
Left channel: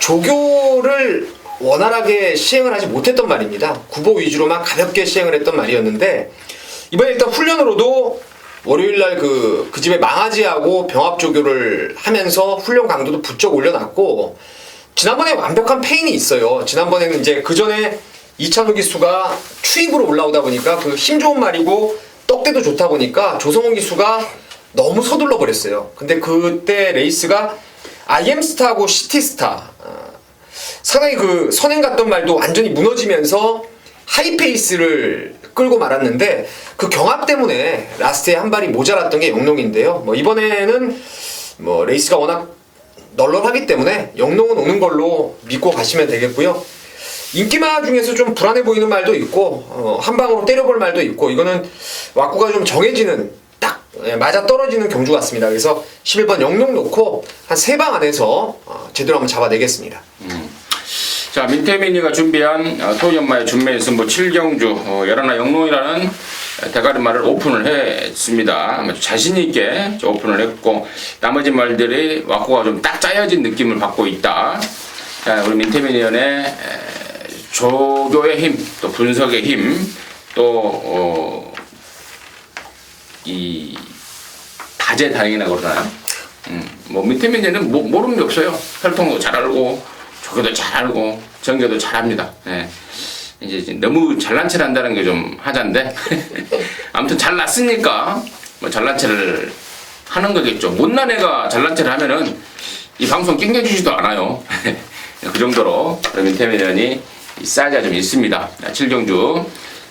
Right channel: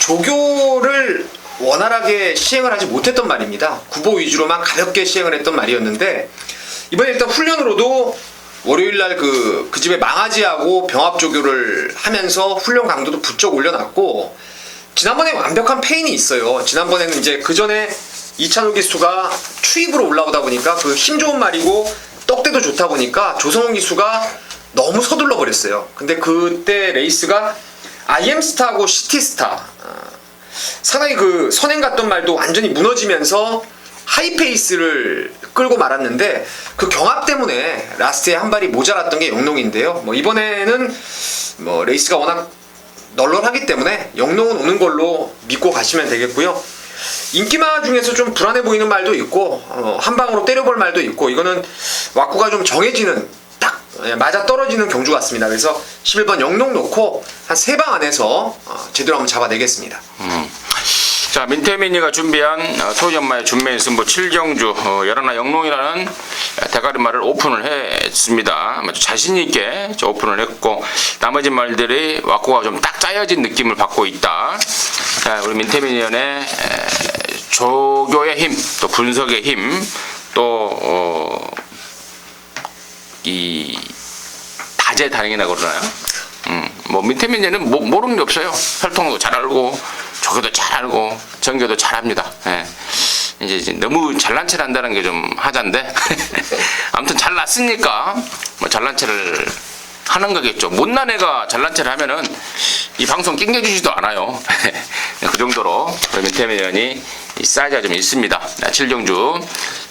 조교를 원활하게 시행을 하지 못했던 말입니다. 구보 위주로만 가볍게 시행을 했던 말이었는데 이번에 일단 훈련으로도 월요일날 그 집에 망아지하고 병합 조교를 하면서 훈련 강도도 부쩍 올려놨고 지난번에 완벽한 페인이 있어요. 지난번에는 이제 그 전에 이찬호 기수가 추입으로 올라오다 보니까 그 힘 좋은 말이고 떡대도 좋다 보니까 조성훈 기수가 너무 서둘러 버렸어요. 근데 그때 레이스가 IM스타하고 시티스타 상당히 그 선행 갔던 말도 완전히 무너지면서 하이페이스를 끌고 말았는데 그 경합 때문에 라스트에 한 발이 모자랐던 게 영농인데요. 뭐 이번에는 뭐 레이스가 워낙 널널하기 때문에 영농은 오는 걸로 믿고 가시면 되겠고요. 인기마 중에서 좀 불안해 보이는 말도 있고 한 방으로 때려볼 말도 있고 이거는 왁구가 좀 정해지는 딱 맞아 떨어지는 경주 같습니다. 그래서 11번 영농 놓고 한 3방 안에서 제대로 한번 잡아내겠습니다. 자, 민태민이가 준비한 토요정마의 준매 승부 7경주 열하나 영농이라는 대가리말을 오픈을 했습니다. 아주 자신있게 오픈을 했고 나머지 말들이 왁구가 좀 딱 짜여진 느낌을 받고 있다. 우리 민태민 의원의 조교의 힘, 또 분석의 힘, 또 이 다재다능이라고 그러나요? 뭐 민태민 의원은 모르는 게 없어요. 활동도 잘 알고 조교도 잘 알고 전교도 잘합니다. 예. 이제 너무 잘난 체를 한다는 게 좀 하자인데 아무튼 잘났으니까 뭐 잘난 체를 하는 거겠죠. 못난 애가 잘난 체를 하면은 이 방송 낑겨주지도 않아요. 그 정도로 민태민 의원이 사이즈가 좀 있습니다. 7경주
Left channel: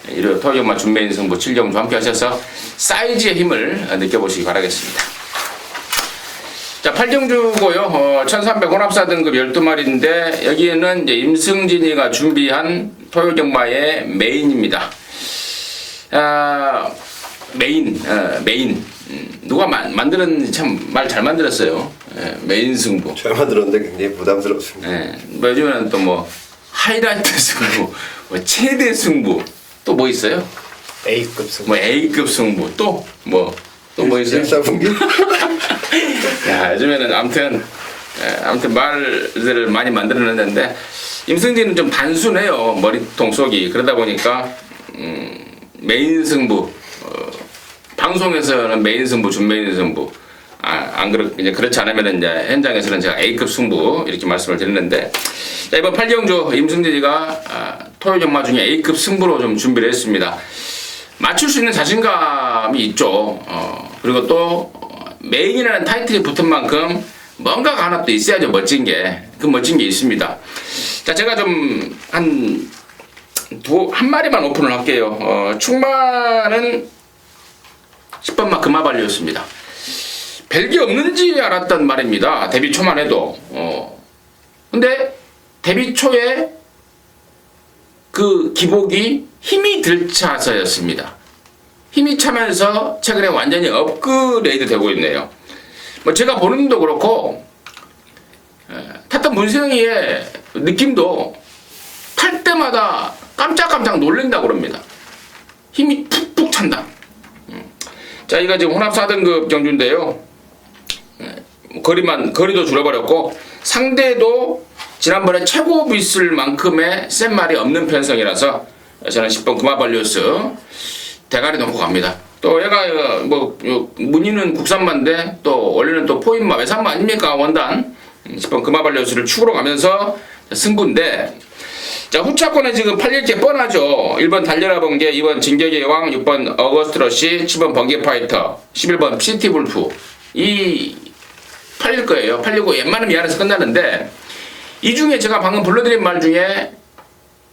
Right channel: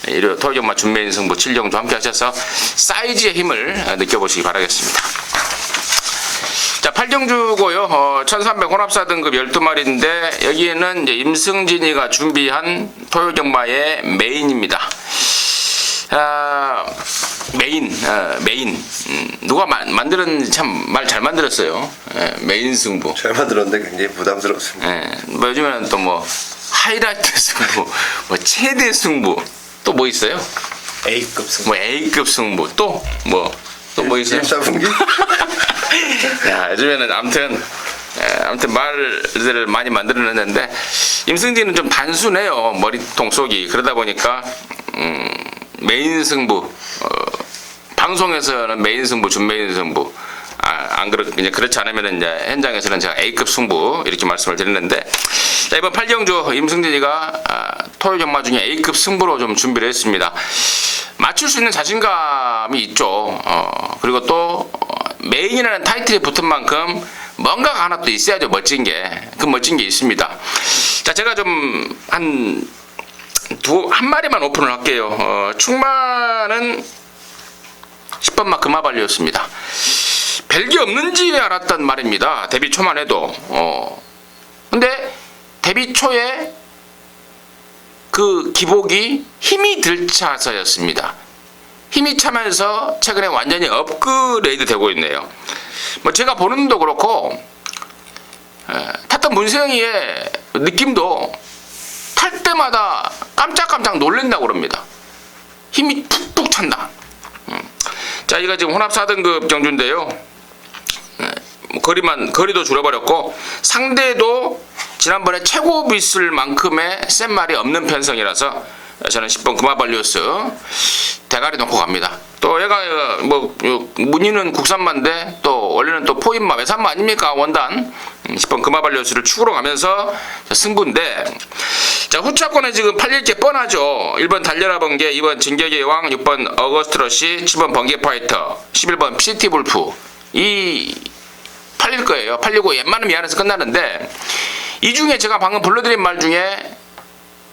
일요 토요일만 준비인 승부 7경주 함께 하셔서 사이즈의 힘을 느껴보시기 바라겠습니다. 자, 8경주고요. 1300 혼합사 등급 12마리인데 여기에는 이제 임승진이가 준비한 토요정마의 메인입니다. 메인. 누가 만들었는지 참 말 잘 만들었어요. 메인 승부. 잘 만들었는데 굉장히 부담스럽습니다. 뭐 요즘에는 또 뭐 하이라이트 승부, 뭐 최대 승부, 또 뭐 있어요? A급 승부. 뭐 A급 승부, 또 뭐 있어요? 일사분기? 야, 요즘에는 아무튼 말들을 많이 만들어냈는데 임승진은 좀 단순해요. 머리통 속이. 그러다 보니까 메인 승부 방송에서는 메인 승부, 준메인 승부 이제 그렇지 않으면 이제 현장에서는 제가 A급 승부 이렇게 말씀을 드리는데 자, 이번 8경주 임승진이가 토요정마 중에 A급 승부로 좀 준비를 했습니다. 맞출 수 있는 자신감이 있죠. 그리고 또 메인이라는 타이틀이 붙은 만큼 뭔가가 하나 또 있어야죠. 멋진 게 있습니다. 자, 제가 좀 한 마리만 오픈을 할게요. 충만은 10번 막 금화발이었습니다. 별게 없는지 알았단 말입니다. 데뷔 초만 해도. 근데 데뷔 초에 그 기복이 힘이 들차서였습니다. 힘이 차면서 최근에 완전히 업그레이드 되고 있네요. 뭐 제가 보는 눈도 그렇고 탔던 문생이의 느낌도 탈 때마다 깜짝깜짝 놀란다고 그럽니다. 힘이 푹푹 찬다. 자, 이거 지금 혼합 4등급 경주인데요. 거리도 줄여버렸고 상대도 지난번에 최고 비쓸 만큼의 센 말이 없는 편성이라서 저는 10번 금화발리우스 대가리 놓고 갑니다. 또 얘가 뭐 문의는 국산마인데 또 원래는 또 포인마 외산마 아닙니까? 원단 10번 금화발리우스를 축으로 가면서 승부인데 자, 후차권에 지금 팔릴 게 뻔하죠. 1번 달려라 번개, 2번 진격의 여왕, 6번 어거스트 러시, 7번 번개 파이터, 11번 시티 불프 이 팔릴 거예요. 팔리고 웬만하면 이 안에서 끝나는데 이 중에 제가 방금 불러드린 말 중에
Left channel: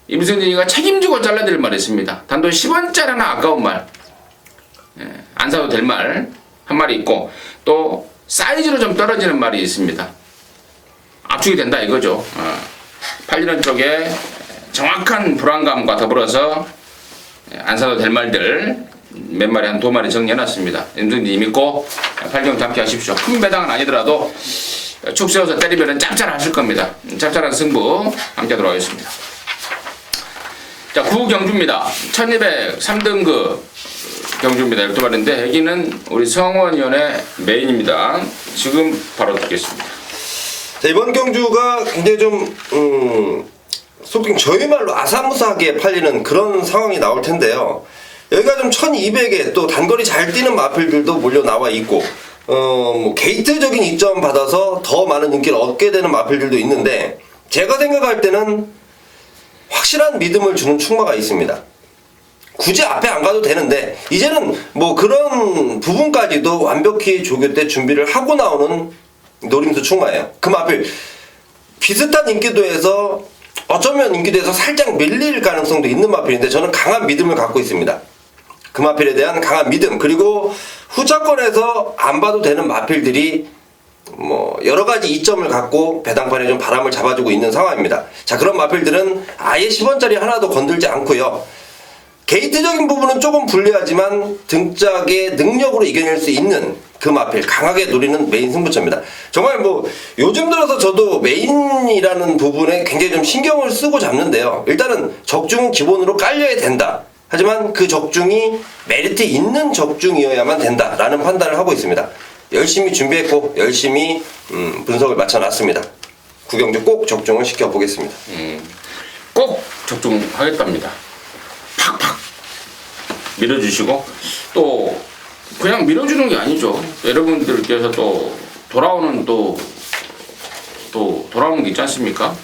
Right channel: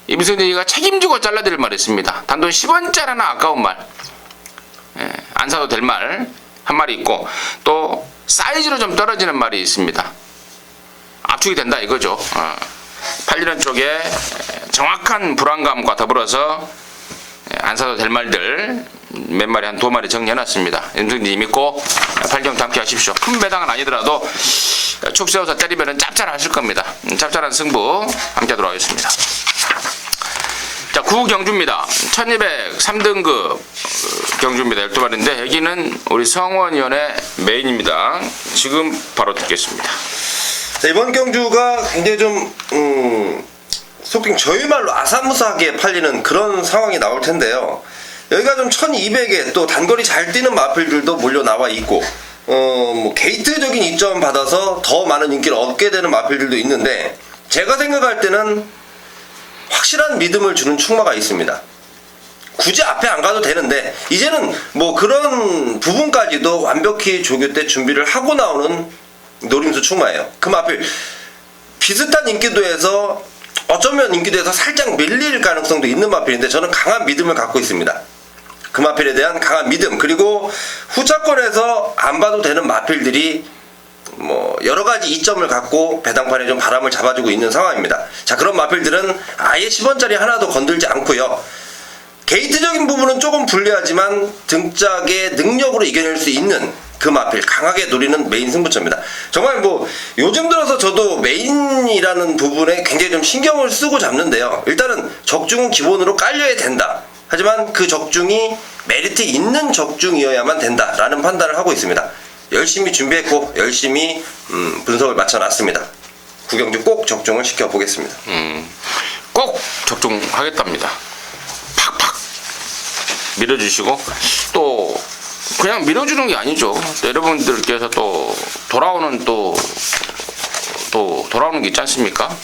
임승진이가 책임지고 잘라드릴 말이 있습니다. 단돈 10원짜리나 아까운 말, 안 사도 될 말 한 마리 있고 또 사이즈로 좀 떨어지는 말이 있습니다. 압축이 된다 이거죠. 팔리는 쪽에 정확한 불안감과 더불어서 안 사도 될 말들 몇 마리 한 2마리 정리해놨습니다. 임승진이 믿고 8경주 함께 하십시오. 큰 배당은 아니더라도 축 세워서 때리면 짭짤하실 겁니다. 짭짤한 승부 함께 들어가겠습니다. 자, 9경주입니다. 1203등급 경주입니다. 12마리인데 여기는 우리 성원 위원의 메인입니다. 지금 바로 듣겠습니다. 자, 이번 경주가 굉장히 좀 속칭 저희 말로 아사무사하게 팔리는 그런 상황이 나올 텐데요. 여기가 좀 1200에 또 단거리 잘 뛰는 마필들도 몰려 나와 있고 뭐 게이트적인 이점 받아서 더 많은 인기를 얻게 되는 마필들도 있는데 제가 생각할 때는 확실한 믿음을 주는 충마가 있습니다. 굳이 앞에 안 가도 되는데 이제는 뭐 그런 부분까지도 완벽히 조교 때 준비를 하고 나오는 노림수 충마예요. 그 마필 비슷한 인기도에서 어쩌면 인기도에서 살짝 밀릴 가능성도 있는 마필인데 저는 강한 믿음을 갖고 있습니다. 그 마필에 대한 강한 믿음, 그리고 후차권에서 안 봐도 되는 마필들이 뭐 여러 가지 이점을 갖고 배당판에 좀 바람을 잡아주고 있는 상황입니다. 자, 그런 마필들은 아예 10원짜리 하나도 건들지 않고요. 게이트적인 부분은 조금 불리하지만 등짝의 능력으로 이겨낼 수 있는 그 마필 강하게 노리는 메인 승부처입니다. 정말 뭐 요즘 들어서 저도 메인이라는 부분에 굉장히 좀 신경을 쓰고 잡는데요. 일단은 적중은 기본으로 깔려야 된다. 하지만 그 적중이 메리트 있는 적중이어야만 된다라는 판단을 하고 있습니다. 열심히 준비했고 열심히 분석을 마쳐놨습니다. 구경주 꼭 적중을 시켜보겠습니다. 꼭 적중하겠답니다. 팍팍 밀어주시고 또 그냥 밀어주는 게 아니죠. 여러분들께서 또 돌아오는 돌아오는 게 있지 않습니까?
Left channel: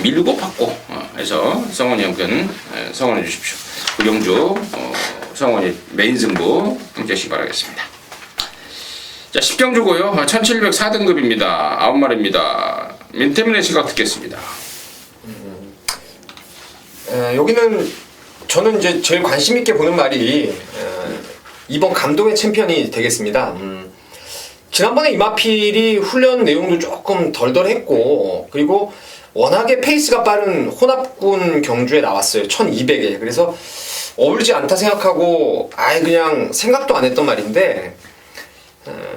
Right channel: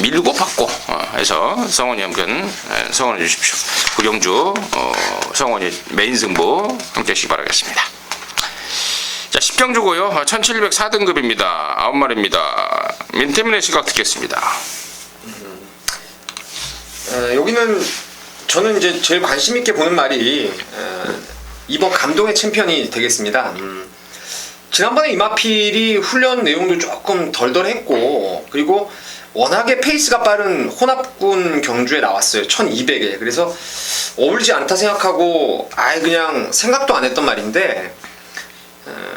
밀고 받고 해서 성원이 형편 성원해 주십시오. 구경주 성원이 메인 승부 함께 하시기 바라겠습니다. 자, 10경주고요. 1704등급입니다. 9마리입니다. 민태민의 시각 듣겠습니다. 여기는 저는 이제 제일 관심 있게 보는 말이 이번 감동의 챔피언이 되겠습니다. 지난번에 이마필이 훈련 내용도 조금 덜덜했고 그리고 워낙에 페이스가 빠른 혼합군 경주에 나왔어요. 1200에. 그래서 어울리지 않다 생각하고 아예 그냥 생각도 안 했던 말인데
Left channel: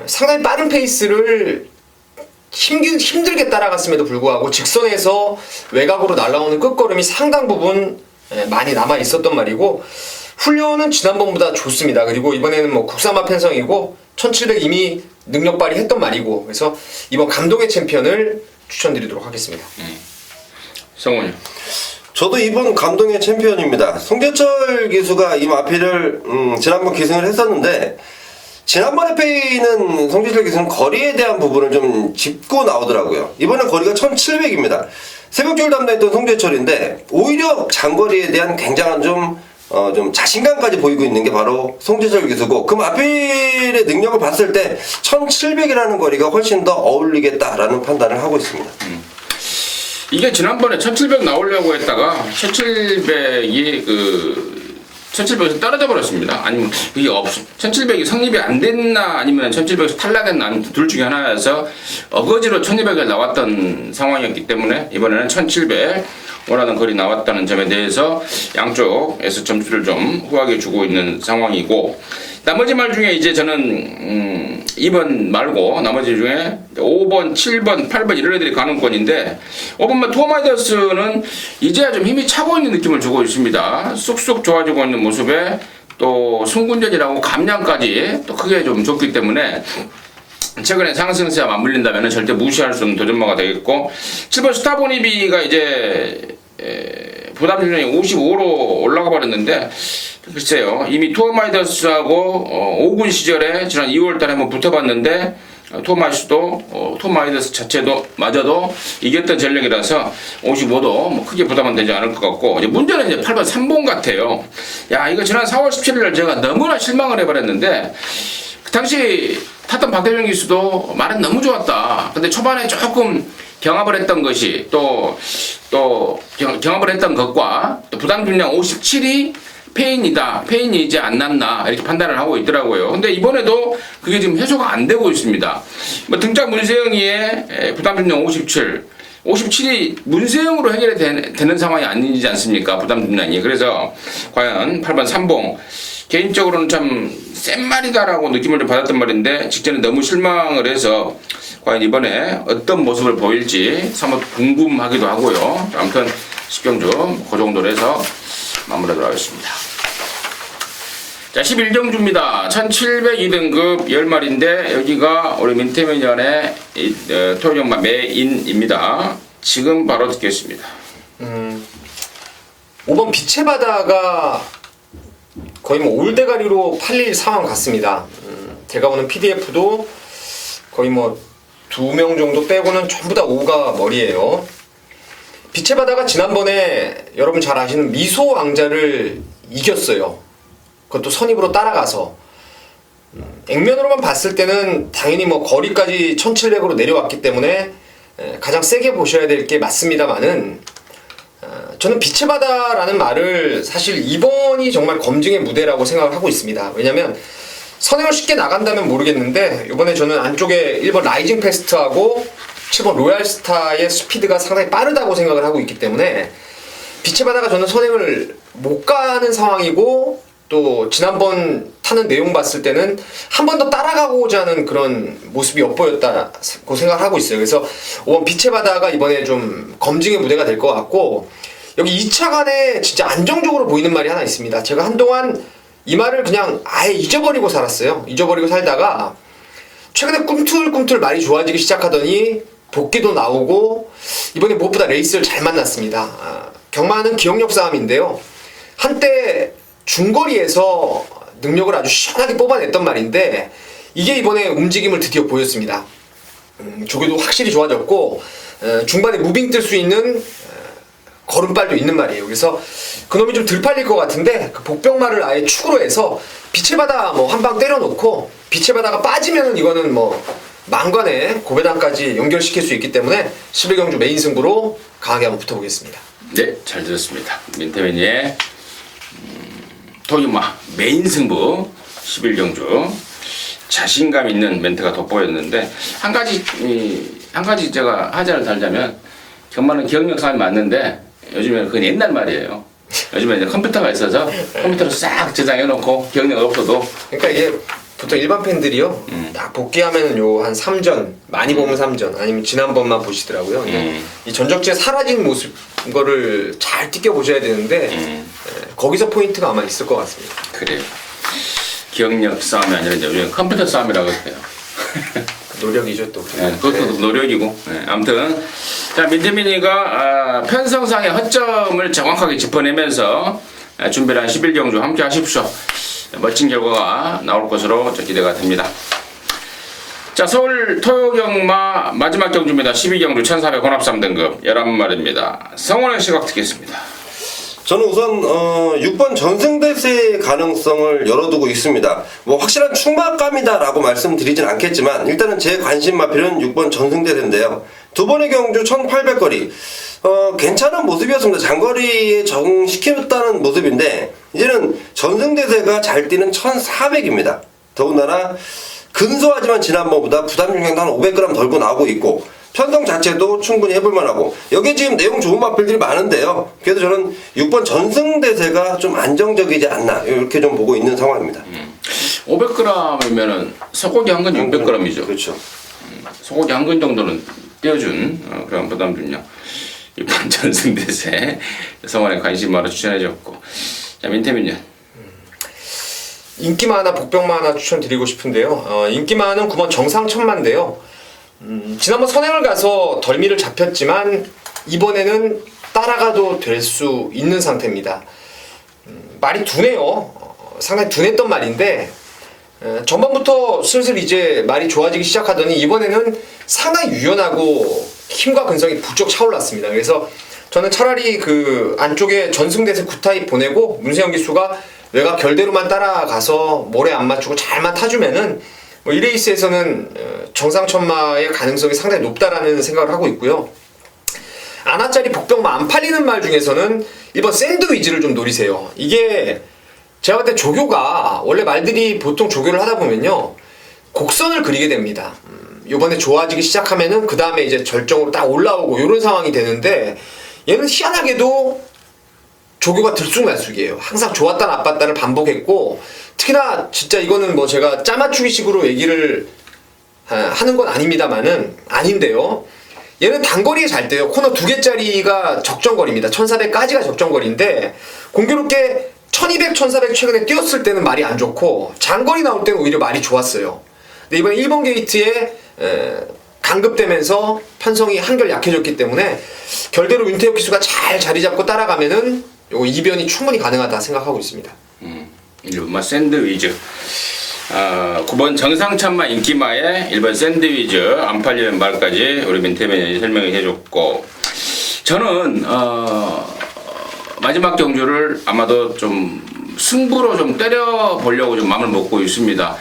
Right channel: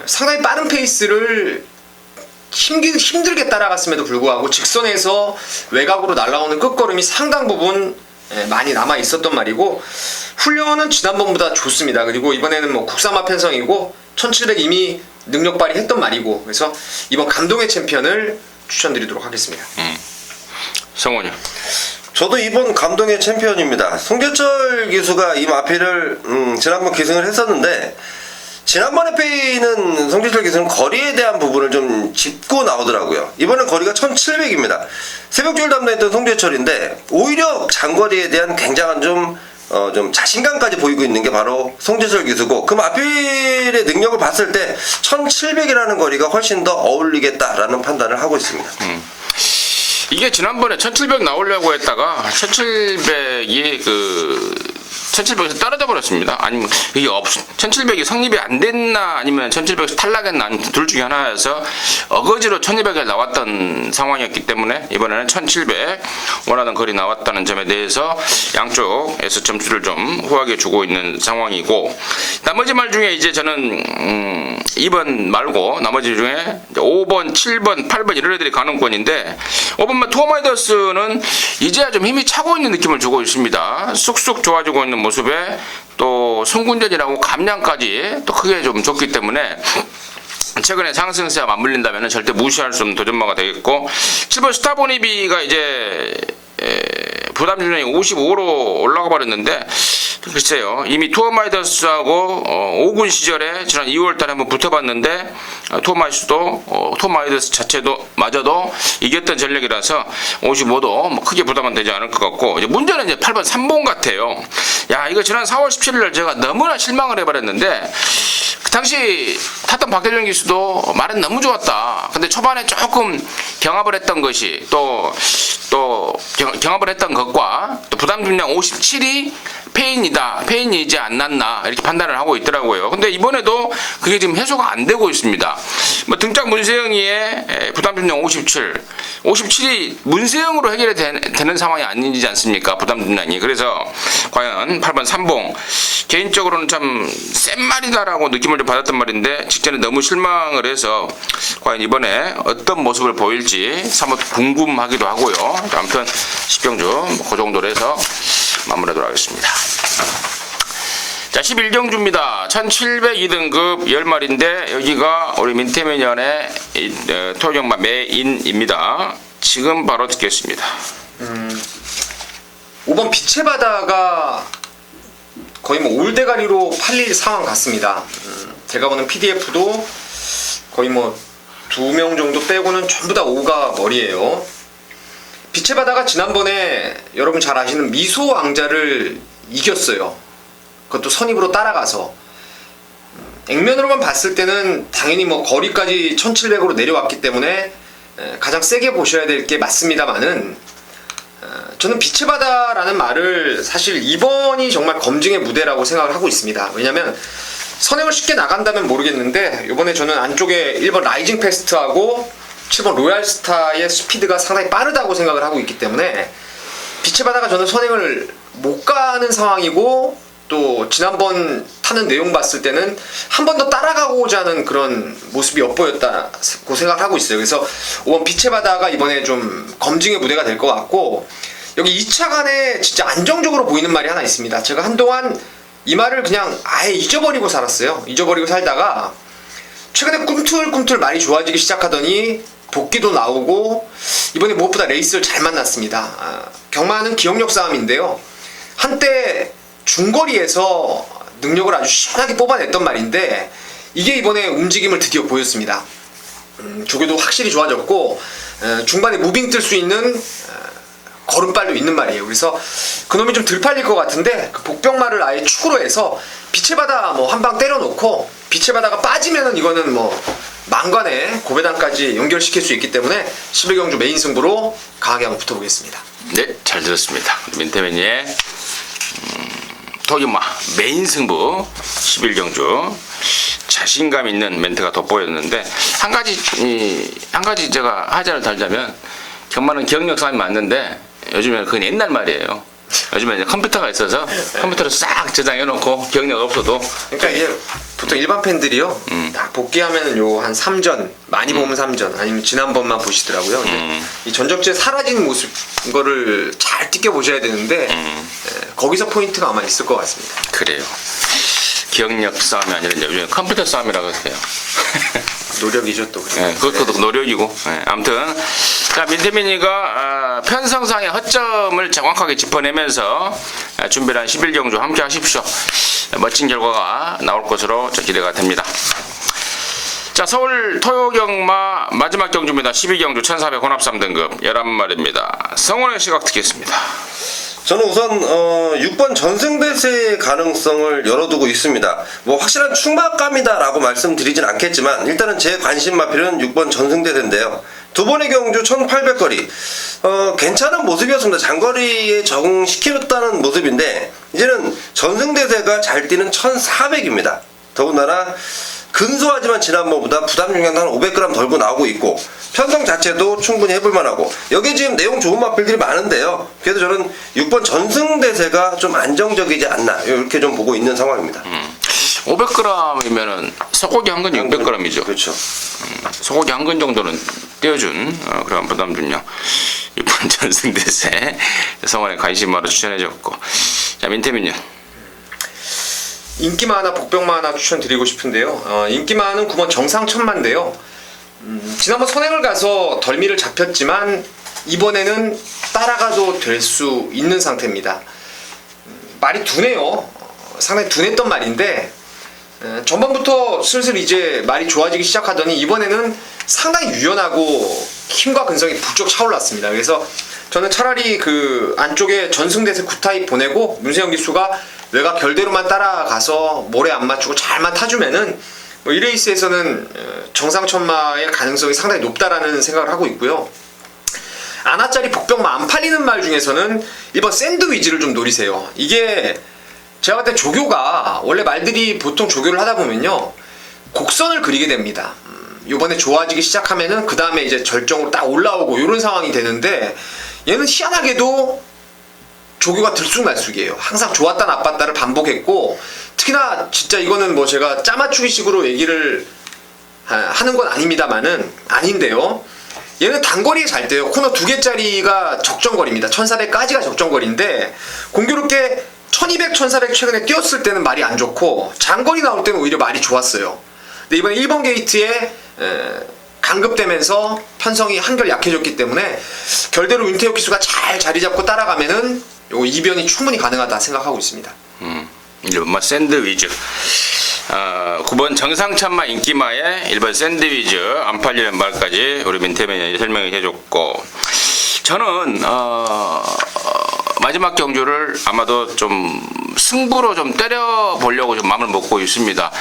상당히 빠른 페이스를 힘들게 따라갔음에도 불구하고 직선에서 외곽으로 날아오는 끝걸음이 상당 부분 많이 남아 있었던 말이고 훈련은 지난번보다 좋습니다. 그리고 이번에는 뭐 국산마 편성이고 1700 이미 능력 발휘했던 말이고 그래서 이번 감동의 챔피언을 추천드리도록 하겠습니다. 성원이요. 저도 이번 감동의 챔피언입니다. 송재철 기수가 이 마필을 지난번 기승을 했었는데 지난번에 페이는 송재철 기수는 거리에 대한 부분을 좀 짚고 나오더라고요. 이번엔 거리가 1700입니다. 새벽줄 담당했던 송재철인데 오히려 장거리에 대한 굉장한 좀 자신감까지 보이고 있는 게 바로 송재철 기수고 그 마필의 능력을 봤을 때 1700이라는 거리가 훨씬 더 어울리겠다라는 판단을 하고 있습니다. 이게 지난번에 1700 나오려고 했다가 1700이 1700에서 떨어져 버렸습니다. 아니면 이게 1700이 성립이 안 됐나 아니면 1700에서 탈락했나 아니면 둘 중에 하나여서 어거지로 1200에 나왔던 상황이었기 때문에 이번에는 1700 원하는 거리 나왔다는 점에 대해서 양쪽에서 점수를 좀 후하게 주고 있는 상황이고 나머지 말 중에 이제 저는 2번 말고 나머지 중에 5번, 7번, 8번 이런 애들이 가능권인데 5번만 투어마이더스는 이제야 좀 힘이 차고 있는 느낌을 주고 있습니다. 쑥쑥 좋아지고 있는 모습에 또 승군전이라고 감량까지 또 크게 좀 줬기 때문에 최근에 상승세와 맞물린다면 절대 무시할 수 없는 도전마가 되겠고 7번 스타보니비가 이제 부담 수준이 55로 올라가 버렸는데 글쎄요 이미 투어마이더스하고 5군 시절에 지난 2월달에 한번 붙어봤는데 투어마이더스 자체도 마저도 이겼던 전력이라서 55도 뭐 크게 부담은 되지 않을 것 같고 이제 문제는 이제 8번 3번 같아요. 야 이거 지난 4월 17일 제가 너무나 실망을 해버렸는데 그 당시 탔던 박대정 기수도 말은 너무 좋았다. 근데 초반에 조금 경합을 했던 것이 또 경합을 했던 것과 또 부담 중량 57이 페인이지 않았나 이렇게 판단을 하고 있더라고요. 근데 이번에도 그게 지금 해소가 안 되고 있습니다. 뭐 등짝 문세영이의 부담 중량 57이 문세영으로 해결이 되는 상황이 아니지 않습니까? 부담 중량이. 그래서 과연 8번 3봉 개인적으로는 참 센 말이다라고 느낌을 좀 받았던 말인데 직전에 너무 실망을 해서 과연 이번에 어떤 모습을 보일지 사뭇 궁금하기도 하고요. 아무튼 10경주 그 정도로 해서 마무리하도록 하겠습니다. 자 11경주입니다. 1702등급 10마리인데 여기가 우리 민태민연의 토종마 메인입니다. 지금 바로 듣겠습니다. 5번 빛의 바다가 거의 뭐 올대가리로 팔릴 상황 같습니다. 제가 보는 PDF도 거의 뭐 2명 정도 빼고는 전부 다 5가 머리예요. 빛의 바다가 지난번에 여러분 잘 아시는 미소 왕자를 이겼어요. 그것도 선입으로 따라가서. 액면으로만 봤을 때는 당연히 뭐 거리까지 1700으로 내려왔기 때문에 가장 세게 보셔야 될 게 맞습니다만은, 저는 빛의 바다라는 말을 사실 이번이 정말 검증의 무대라고 생각을 하고 있습니다. 왜냐면 선행을 쉽게 나간다면 모르겠는데, 이번에 저는 안쪽에 1번 라이징 패스트하고 7번 로얄스타의 스피드가 상당히 빠르다고 생각을 하고 있기 때문에 빛의 바다가 저는 선행을 못 가는 상황이고, 또 지난번 타는 내용 봤을 때는 한 번 더 따라가고자 하는 그런 모습이 엿보였다고 생각을 하고 있어요. 그래서 5번 빛의 바다가 이번에 좀 검증의 무대가 될 것 같고, 여기 2차 간에 진짜 안정적으로 보이는 말이 하나 있습니다. 제가 한동안 이 말을 그냥 아예 잊어버리고 살았어요. 잊어버리고 살다가 최근에 꿈틀꿈틀 말이 좋아지기 시작하더니 복귀도 나오고, 이번에 무엇보다 레이스를 잘 만났습니다. 경마는 기억력 싸움인데요. 한때 중거리에서 능력을 아주 시원하게 뽑아냈던 말인데, 이게 이번에 움직임을 드디어 보였습니다. 조교도 확실히 좋아졌고, 중반에 무빙 뜰 수 있는 걸음발도 있는 말이에요. 그래서 그놈이 좀 덜 팔릴 것 같은데, 그 복병말을 아예 축으로 해서 빛의 바다 뭐 한 방 때려놓고, 빛의 바다가 빠지면은 이거는 뭐 망관의 고배당까지 연결시킬 수 있기 때문에 11경주 메인 승부로 강하게 한번 붙어보겠습니다. 네, 잘 들었습니다. 민태민의 도기마 메인 승부 11경주 자신감 있는 멘트가 돋보였는데, 한 가지 제가 하자를 달자면, 경마는 기억력 싸움이 맞는데 요즘에 그건 옛날 말이에요. 요즘에 이제 컴퓨터가 있어서 컴퓨터로 싹 저장해놓고 기억력 없어도. 그러니까 이게 보통 일반 팬들이요, 딱 복귀하면은 요 한 3전, 많이 보면 3전, 아니면 지난번만 보시더라고요. 근데 이 전적지에 사라진 모습, 이거를 잘 띄껴보셔야 되는데, 거기서 포인트가 아마 있을 것 같습니다. 그래요. 기억력 싸움이 아니라 이제 요즘 컴퓨터 싸움이라고 해요. 노력이죠 또. 네, 그것도 노력이고. 네, 아무튼 자, 민태민이가 편성상의 허점을 정확하게 짚어내면서 준비를 한 11경주 함께 하십시오. 멋진 결과가 나올 것으로 기대가 됩니다. 자, 서울 토요경마 마지막 경주입니다. 12경주 1400 혼합 3등급 11마리입니다. 성원의 시각 듣겠습니다. 저는 우선 6번 전승대세의 가능성을 열어두고 있습니다. 뭐 확실한 충박감이다라고 말씀드리진 않겠지만, 일단은 제 관심 마필은 6번 전승대세인데요. 두 번의 경주 1800거리 괜찮은 모습이었습니다. 장거리에 적응시켰다는 모습인데, 이제는 전승대세가 잘 뛰는 1400입니다. 더군다나 근소하지만 지난번보다 부담 중량도 한 500g 덜고 나오고 있고, 편성 자체도 충분히 해볼만하고, 여기에 지금 내용 좋은 마필들이 많은데요. 그래도 저는 6번 전승대세가 좀 안정적이지 않나, 이렇게 좀 보고 있는 상황입니다. 500g이면은 소고기 한 근이 600g이죠. 그렇죠. 소고기 한 근 정도는 떼어준 그런 부담 중량 6번 전승대세 성원의 관심마로 추천해줬고. 자, 민태민은 인기마 하나, 복병마 하나 추천드리고 싶은데요. 인기마는 9번 정상천만인데요. 지난번 선행을 가서 덜미를 잡혔지만 이번에는 따라가도 될 수 있는 상태입니다. 말이 둔해요. 상당히 둔했던 말인데, 전반부터 슬슬 이제 말이 좋아지기 시작하더니 이번에는 상당히 유연하고 힘과 근성이 부쩍 차올랐습니다. 그래서 저는 차라리 그 안쪽에 전승대세 9타입 보내고 문세영 기수가 외곽 결대로만 따라가서 모래 안 맞추고 잘만 타주면은 뭐 이 레이스에서는 정상천마의 가능성이 상당히 높다라는 생각을 하고 있고요. 아나짜리 복병마 안 팔리는 말 중에서는 1번 샌드위치를 좀 노리세요. 이게 제가 볼 때 조교가 원래 말들이 보통 조교를 하다 보면요, 곡선을 그리게 됩니다. 요번에 좋아지기 시작하면은 그 다음에 이제 절정으로 딱 올라오고 이런 상황이 되는데, 얘는 희한하게도 조교가 들쑥날쑥이에요. 항상 좋았다 나빴다를 반복했고, 특히나 진짜 이거는 뭐 제가 짜맞추기식으로 얘기를 하는 건 아닙니다만은, 아닌데요, 얘는 단거리에 잘 돼요. 코너 2개짜리가 적정거리입니다. 1400까지가 적정거리인데, 공교롭게 1200, 1400 최근에 뛰었을 때는 말이 안 좋고, 장거리 나올 때는 오히려 말이 좋았어요. 근데 이번에 1번 게이트에 강급되면서 편성이 한결 약해졌기 때문에 결대로 윤태혁 기수가 잘 자리 잡고 따라가면은 요 이변이 충분히 가능하다 생각하고 있습니다. 1번만 샌드위즈. 9번 정상찬마 인기마의 1번 샌드위즈 안 팔리는 말까지 우리 민태민이 설명을 해줬고, 저는 마지막 경주를 아마도 좀 승부로 좀 때려보려고 좀 마음을 먹고 있습니다.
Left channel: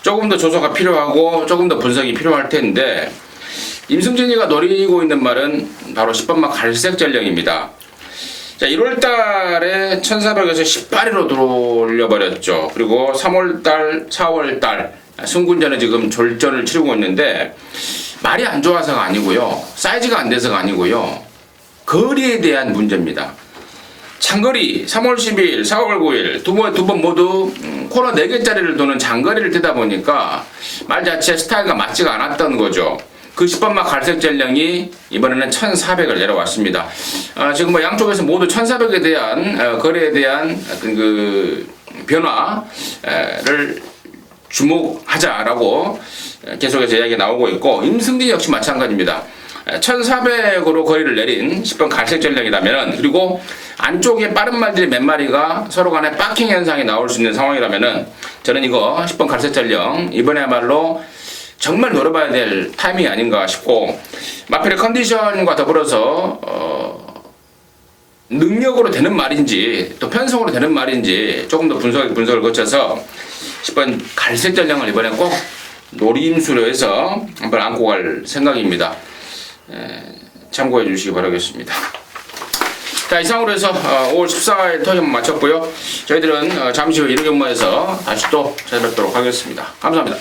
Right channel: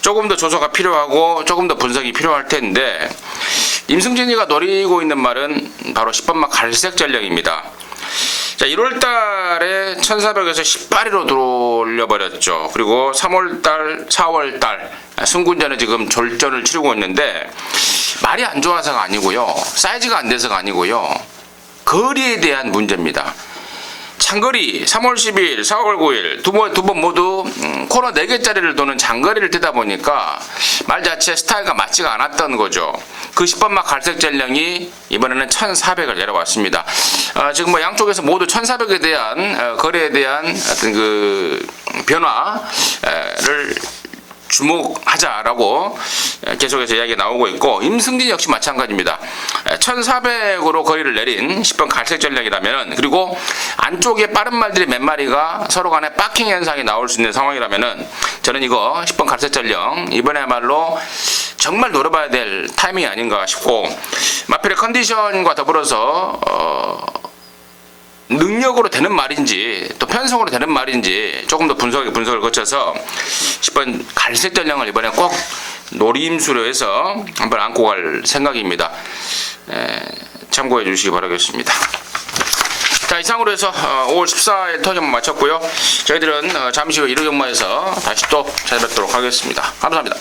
조금 더 조사가 필요하고 조금 더 분석이 필요할 텐데, 임승진이가 노리고 있는 말은 바로 10번마 갈색 전령입니다. 자, 1월달에 1400에서 18위로 돌려버렸죠. 그리고 3월달, 4월달 승군전에 지금 졸전을 치르고 있는데, 말이 안 좋아서가 아니고요, 사이즈가 안 돼서가 아니고요, 거리에 대한 문제입니다. 장거리 3월 10일, 4월 9일 두 번 모두 코너 4개짜리를 도는 장거리를 뛰다 보니까 말 자체 스타일과 맞지가 않았던 거죠. 그 10번마 갈색 전령이 이번에는 1400을 내려왔습니다. 지금 뭐 양쪽에서 모두 1400에 대한 거래에 대한 어떤 그 변화를 주목하자라고 계속해서 이야기가 나오고 있고, 임승진 역시 마찬가지입니다. 1400으로 거리를 내린 10번 갈색 전략이라면은, 그리고 안쪽에 빠른 말들이 몇 마리가 서로 간에 박킹 현상이 나올 수 있는 상황이라면은, 저는 이거 10번 갈색 전략 이번에야말로 정말 노려봐야 될 타이밍이 아닌가 싶고, 마필의 컨디션과 더불어서 능력으로 되는 말인지 또 편성으로 되는 말인지 조금 더 분석을 거쳐서 10번 갈색 전령을 이번에 꼭 노림수로 해서 한번 안고 갈 생각입니다. 참고해 주시기 바라겠습니다. 자, 이상으로 해서 5월 14일 토요일 마쳤고요. 저희들은 잠시 후 1호 경마에서 다시 또 찾아뵙도록 하겠습니다. 감사합니다.